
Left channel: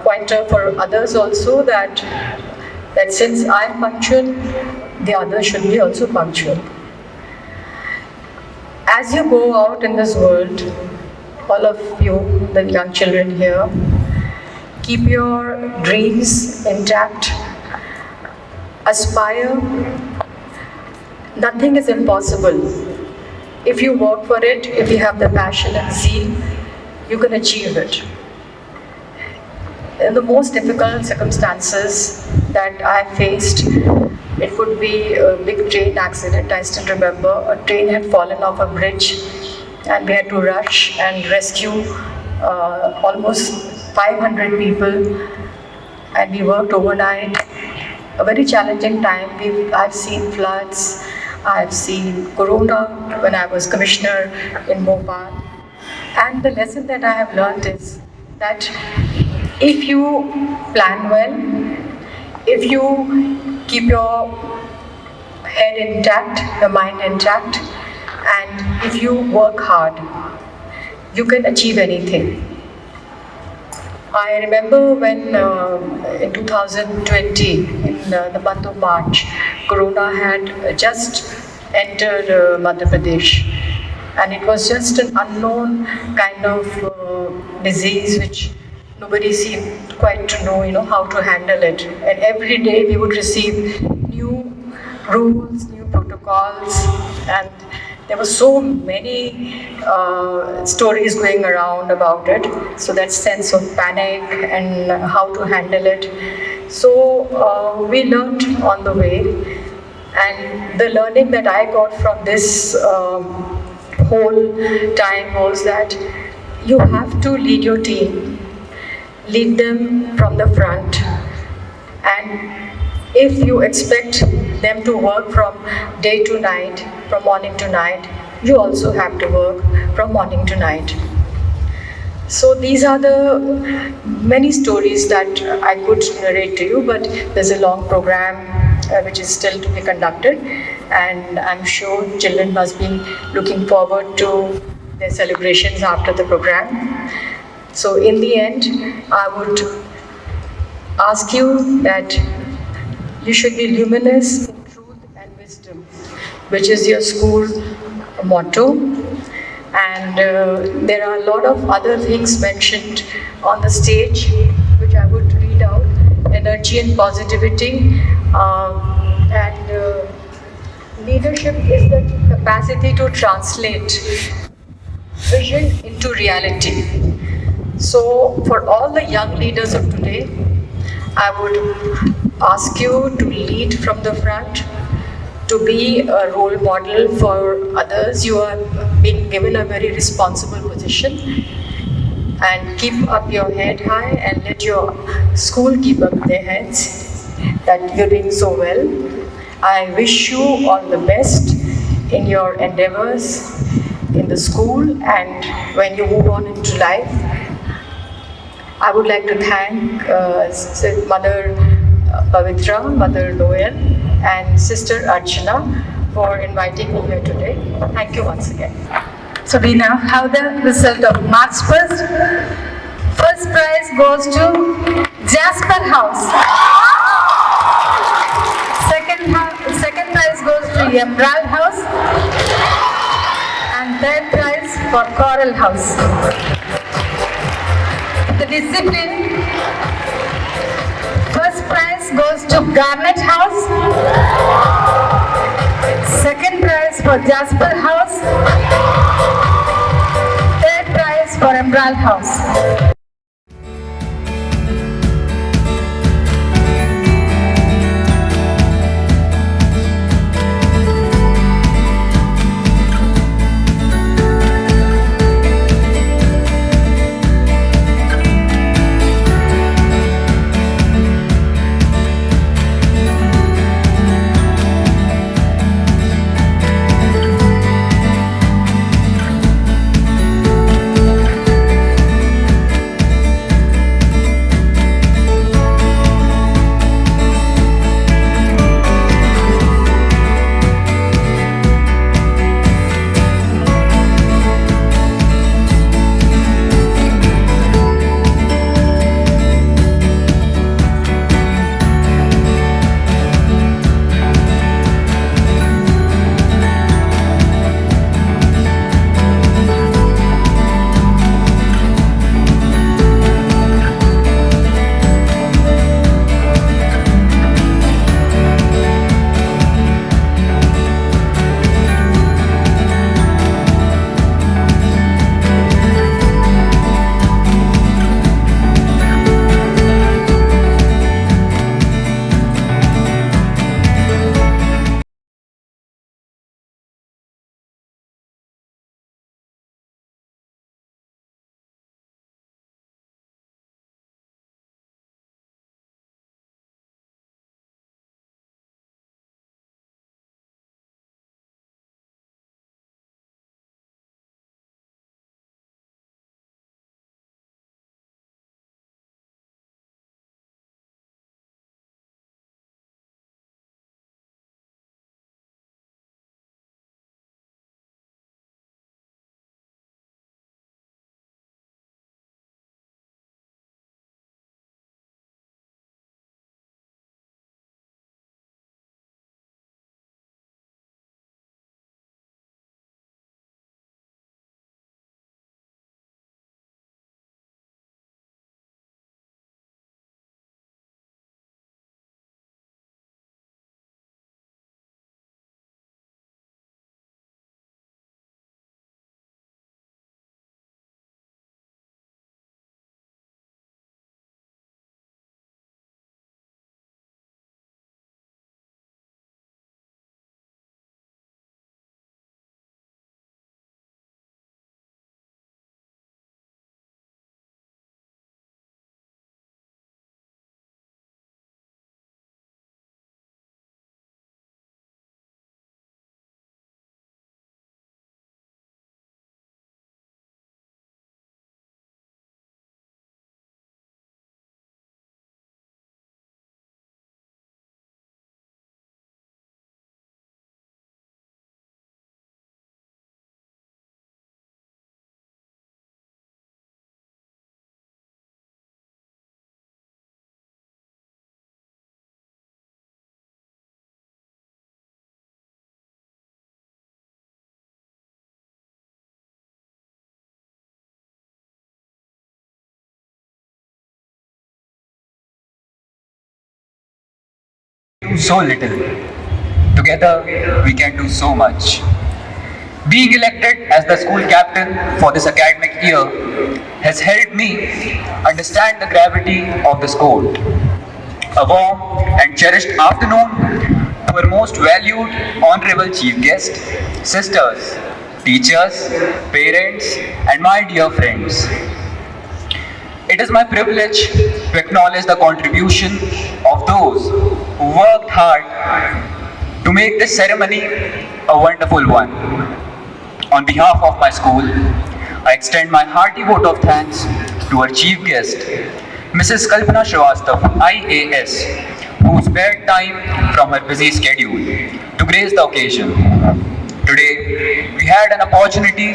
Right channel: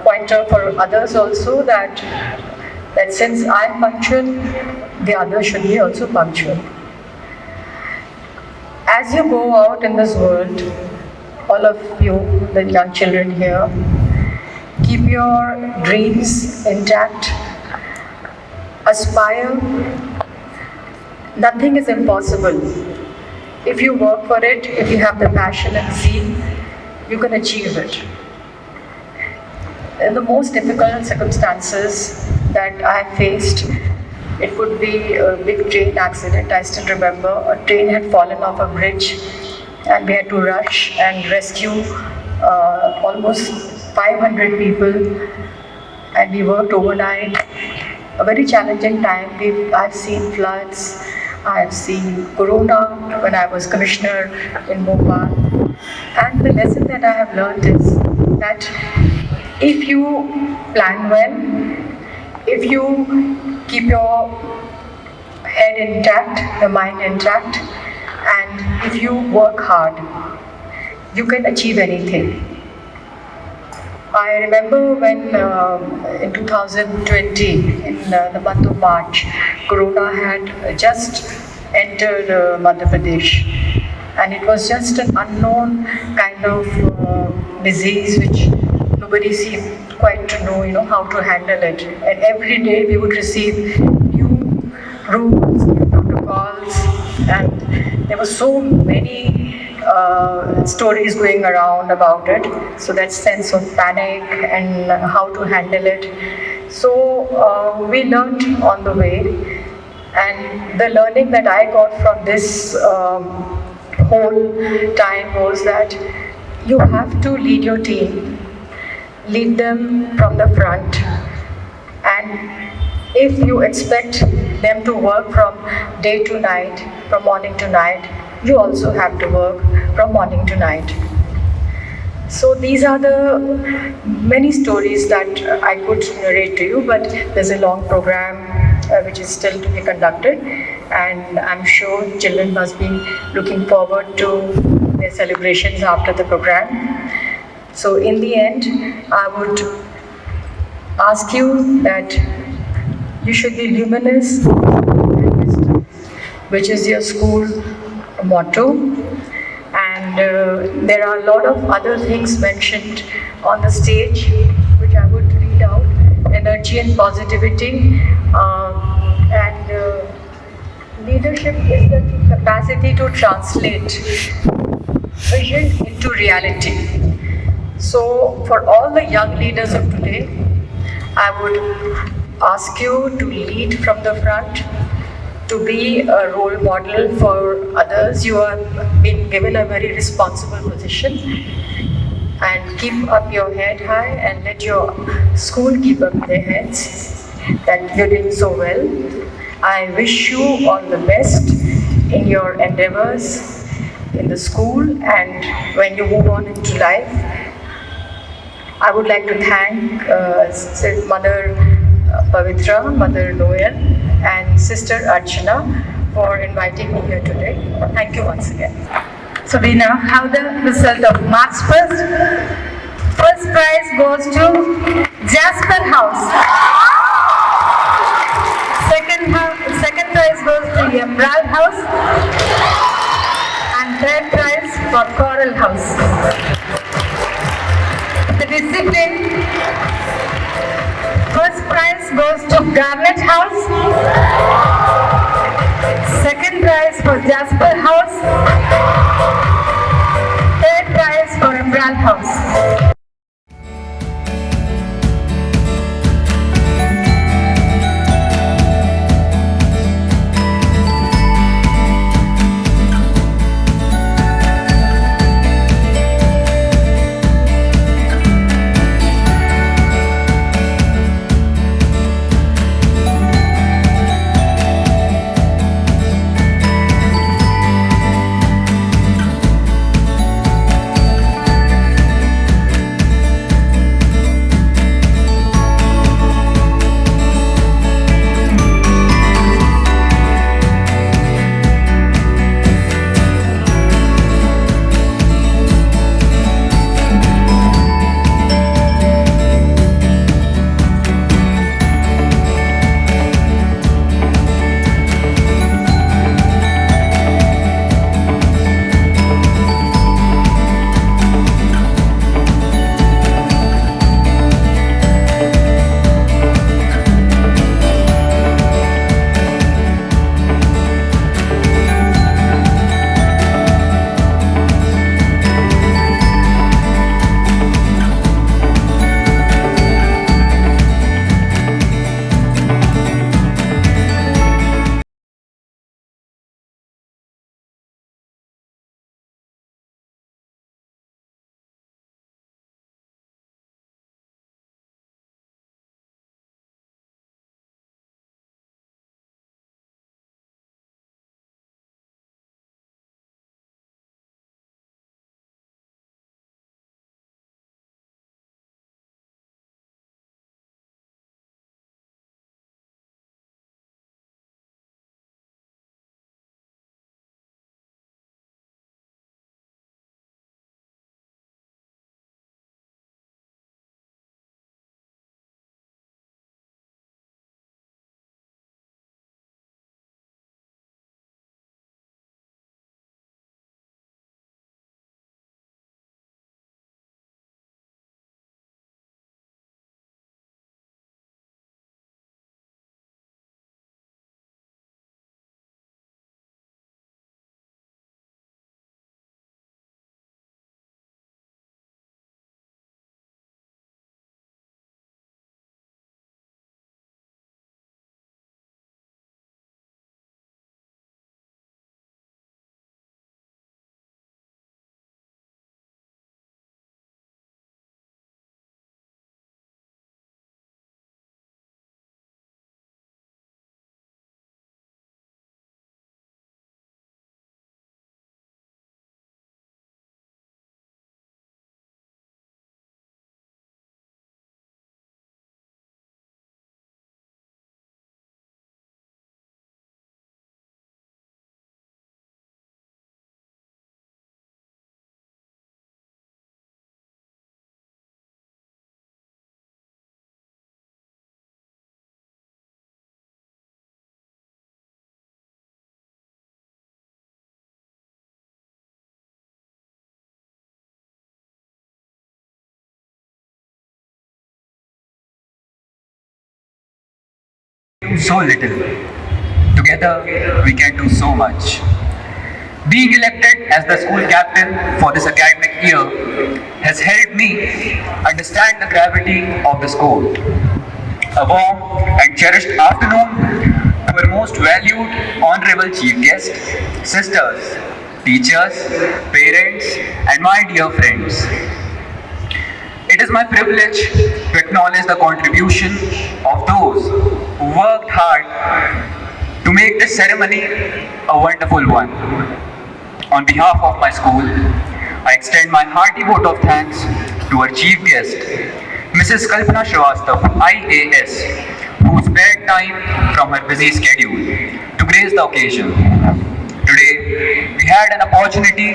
pointer for others also, that since I'm punctual, the others should be also punctual. As you go out in this world, all of you, the young children here, keep your dreams intact, aspire. Nothing is impossible. If you work for it, if you have the passion and zeal, you can achieve it. In the most difficult circumstances that I have faced, it would be a big train accident. I still remember a train had fallen off a bridge and we had to rush and rescue almost 500 people, and we worked overnight. A very challenging time. I've seen floods, I've seen Corona when I was commissioner in Bhopal, and the lesson that I have learned is that if you plan well, if you keep your head intact, the mind intact, and if you work hard, you can achieve anything. I remember when in 2020, in the month of March, Corona had just entered Madhya Pradesh, and it was just an unknown kind of disease which nobody seemed quite to know, how to handle it. And every day we would receive new rules, new protocols, and there were so many stories going around about it. So that sense of panic and how to handle it. So we learned on the way, and the learning that I got from this whole time was that you have to lead your team, lead them from the front, and if you expect them to work from day to night, from morning to night, you also have to work from morning to night. So these are the many stories that I could narrate to you, but there's a long program which is still to be conducted, and I'm sure children must be looking forward to their celebrations after the program. So in the end, I would ask you that you should be luminous and wisdom, which is your school motto. And there are a lot of other things mentioned on the stage, which I would read out: energy and positivity, and leadership is the capacity to translate vision into reality. So for all the young leaders of today, I would ask you to lead from the front, to be a role model for others. You are being given a very responsible position, and keep up your head high and let your school keep up their heads, that you're doing so well. I wish you all the best in your endeavors in the school and when you move on into life. I would like to thank Mother Pavitra, Mother Noel, and Sister Archana for inviting me here today. Thank you once again. So we now have the result of March 1st. First prize goes to Jasper House. Second prize goes to Emerald House. And third prize for Coral House. The discipline. First prize goes to Garnet House. Second prize for Jasper House. Third prize for Emerald House. do so little. Together, we can do so much. Being elected as the school captain for this academic year has helped me understand the gravity of the school. A warm and cherished afternoon to our most valued, honorable chief guest, sisters, teachers, parents, and my dear friends. It is my privilege to acknowledge the contribution of those who worked hard to make this ceremony a wonderful one. On behalf of my school, I extend my hearty vote of thanks to our chief guest, Mrs. Kalpana Srivastav, IAS, who spared time from her busy schedule to grace the occasion. Today, we had an opportunity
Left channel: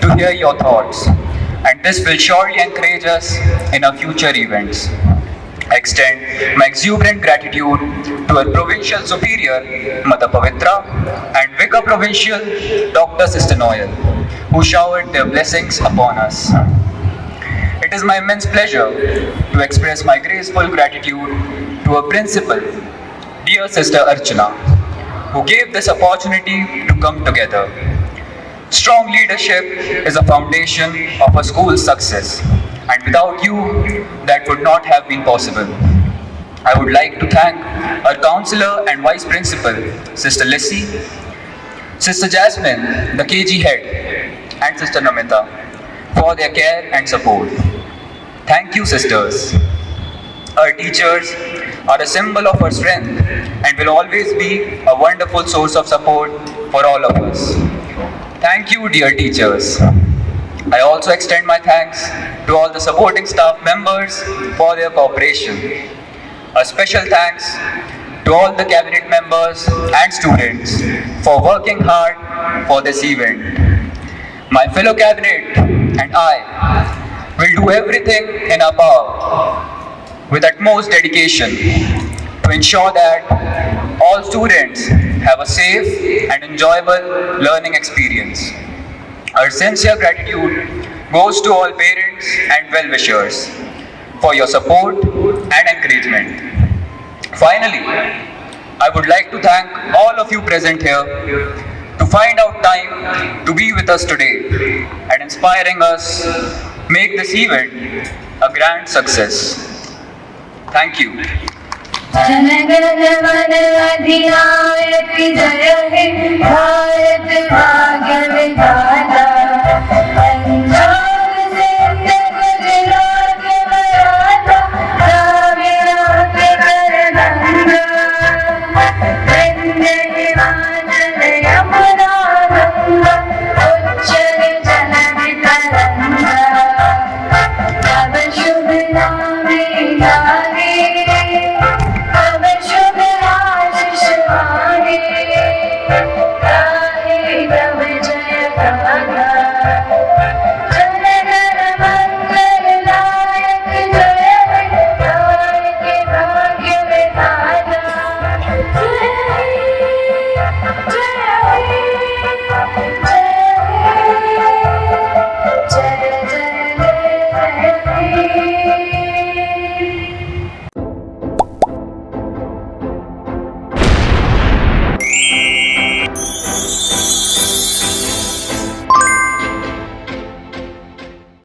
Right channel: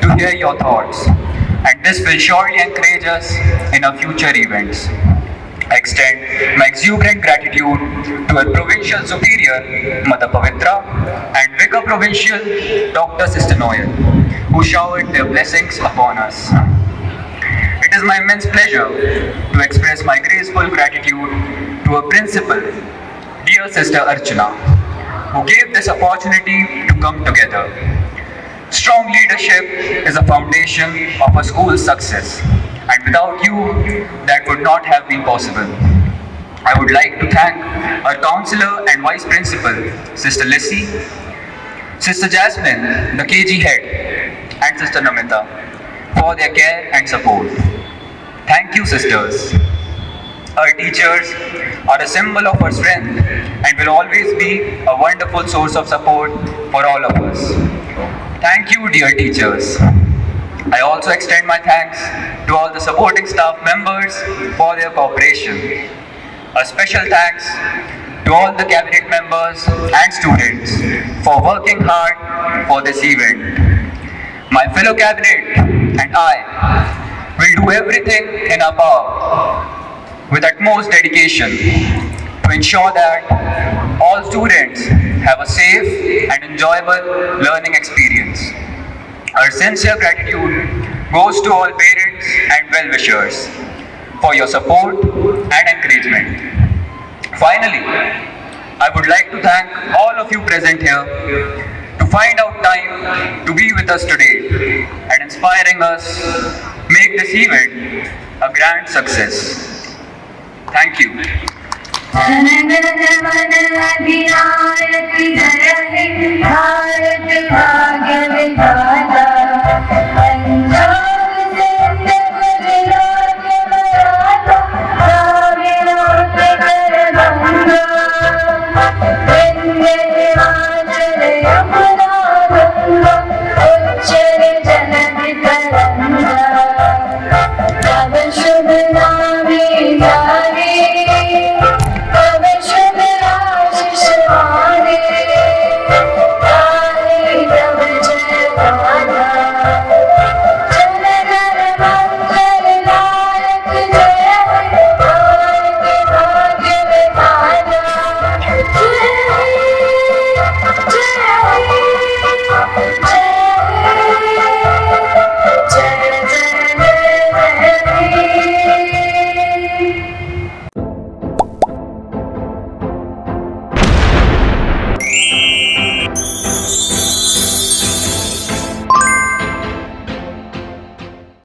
to hear your thoughts, and this will surely encourage us in our future events. I extend my exuberant gratitude to our Provincial Superior, Mother Pavitra, and Vicar Provincial, Dr. Sister Noel, who showered their blessings upon us. It is my immense pleasure to express my graceful gratitude to our Principal, dear Sister Archana, who gave this opportunity to come together. Strong leadership is a foundation of a school's success, and without you, that would not have been possible. I would like to thank our counselor and vice principal, Sister Lissy, Sister Jasmine, the KG head, and Sister Namita for their care and support. Thank you, sisters. Our teachers are a symbol of our strength and will always be a wonderful source of support for all of us. Thank you, dear teachers. I also extend my thanks to all the supporting staff members for their cooperation. A special thanks to all the cabinet members and students for working hard for this event. My fellow cabinet and I will do everything in our power with utmost dedication to ensure that all students have a safe and enjoyable learning experience. Our sincere gratitude goes to all parents and well-wishers for your support and encouragement. Finally, I would like to thank all of you present here to find out time to be with us today and inspiring us make this event a grand success. Thank you. Thank you.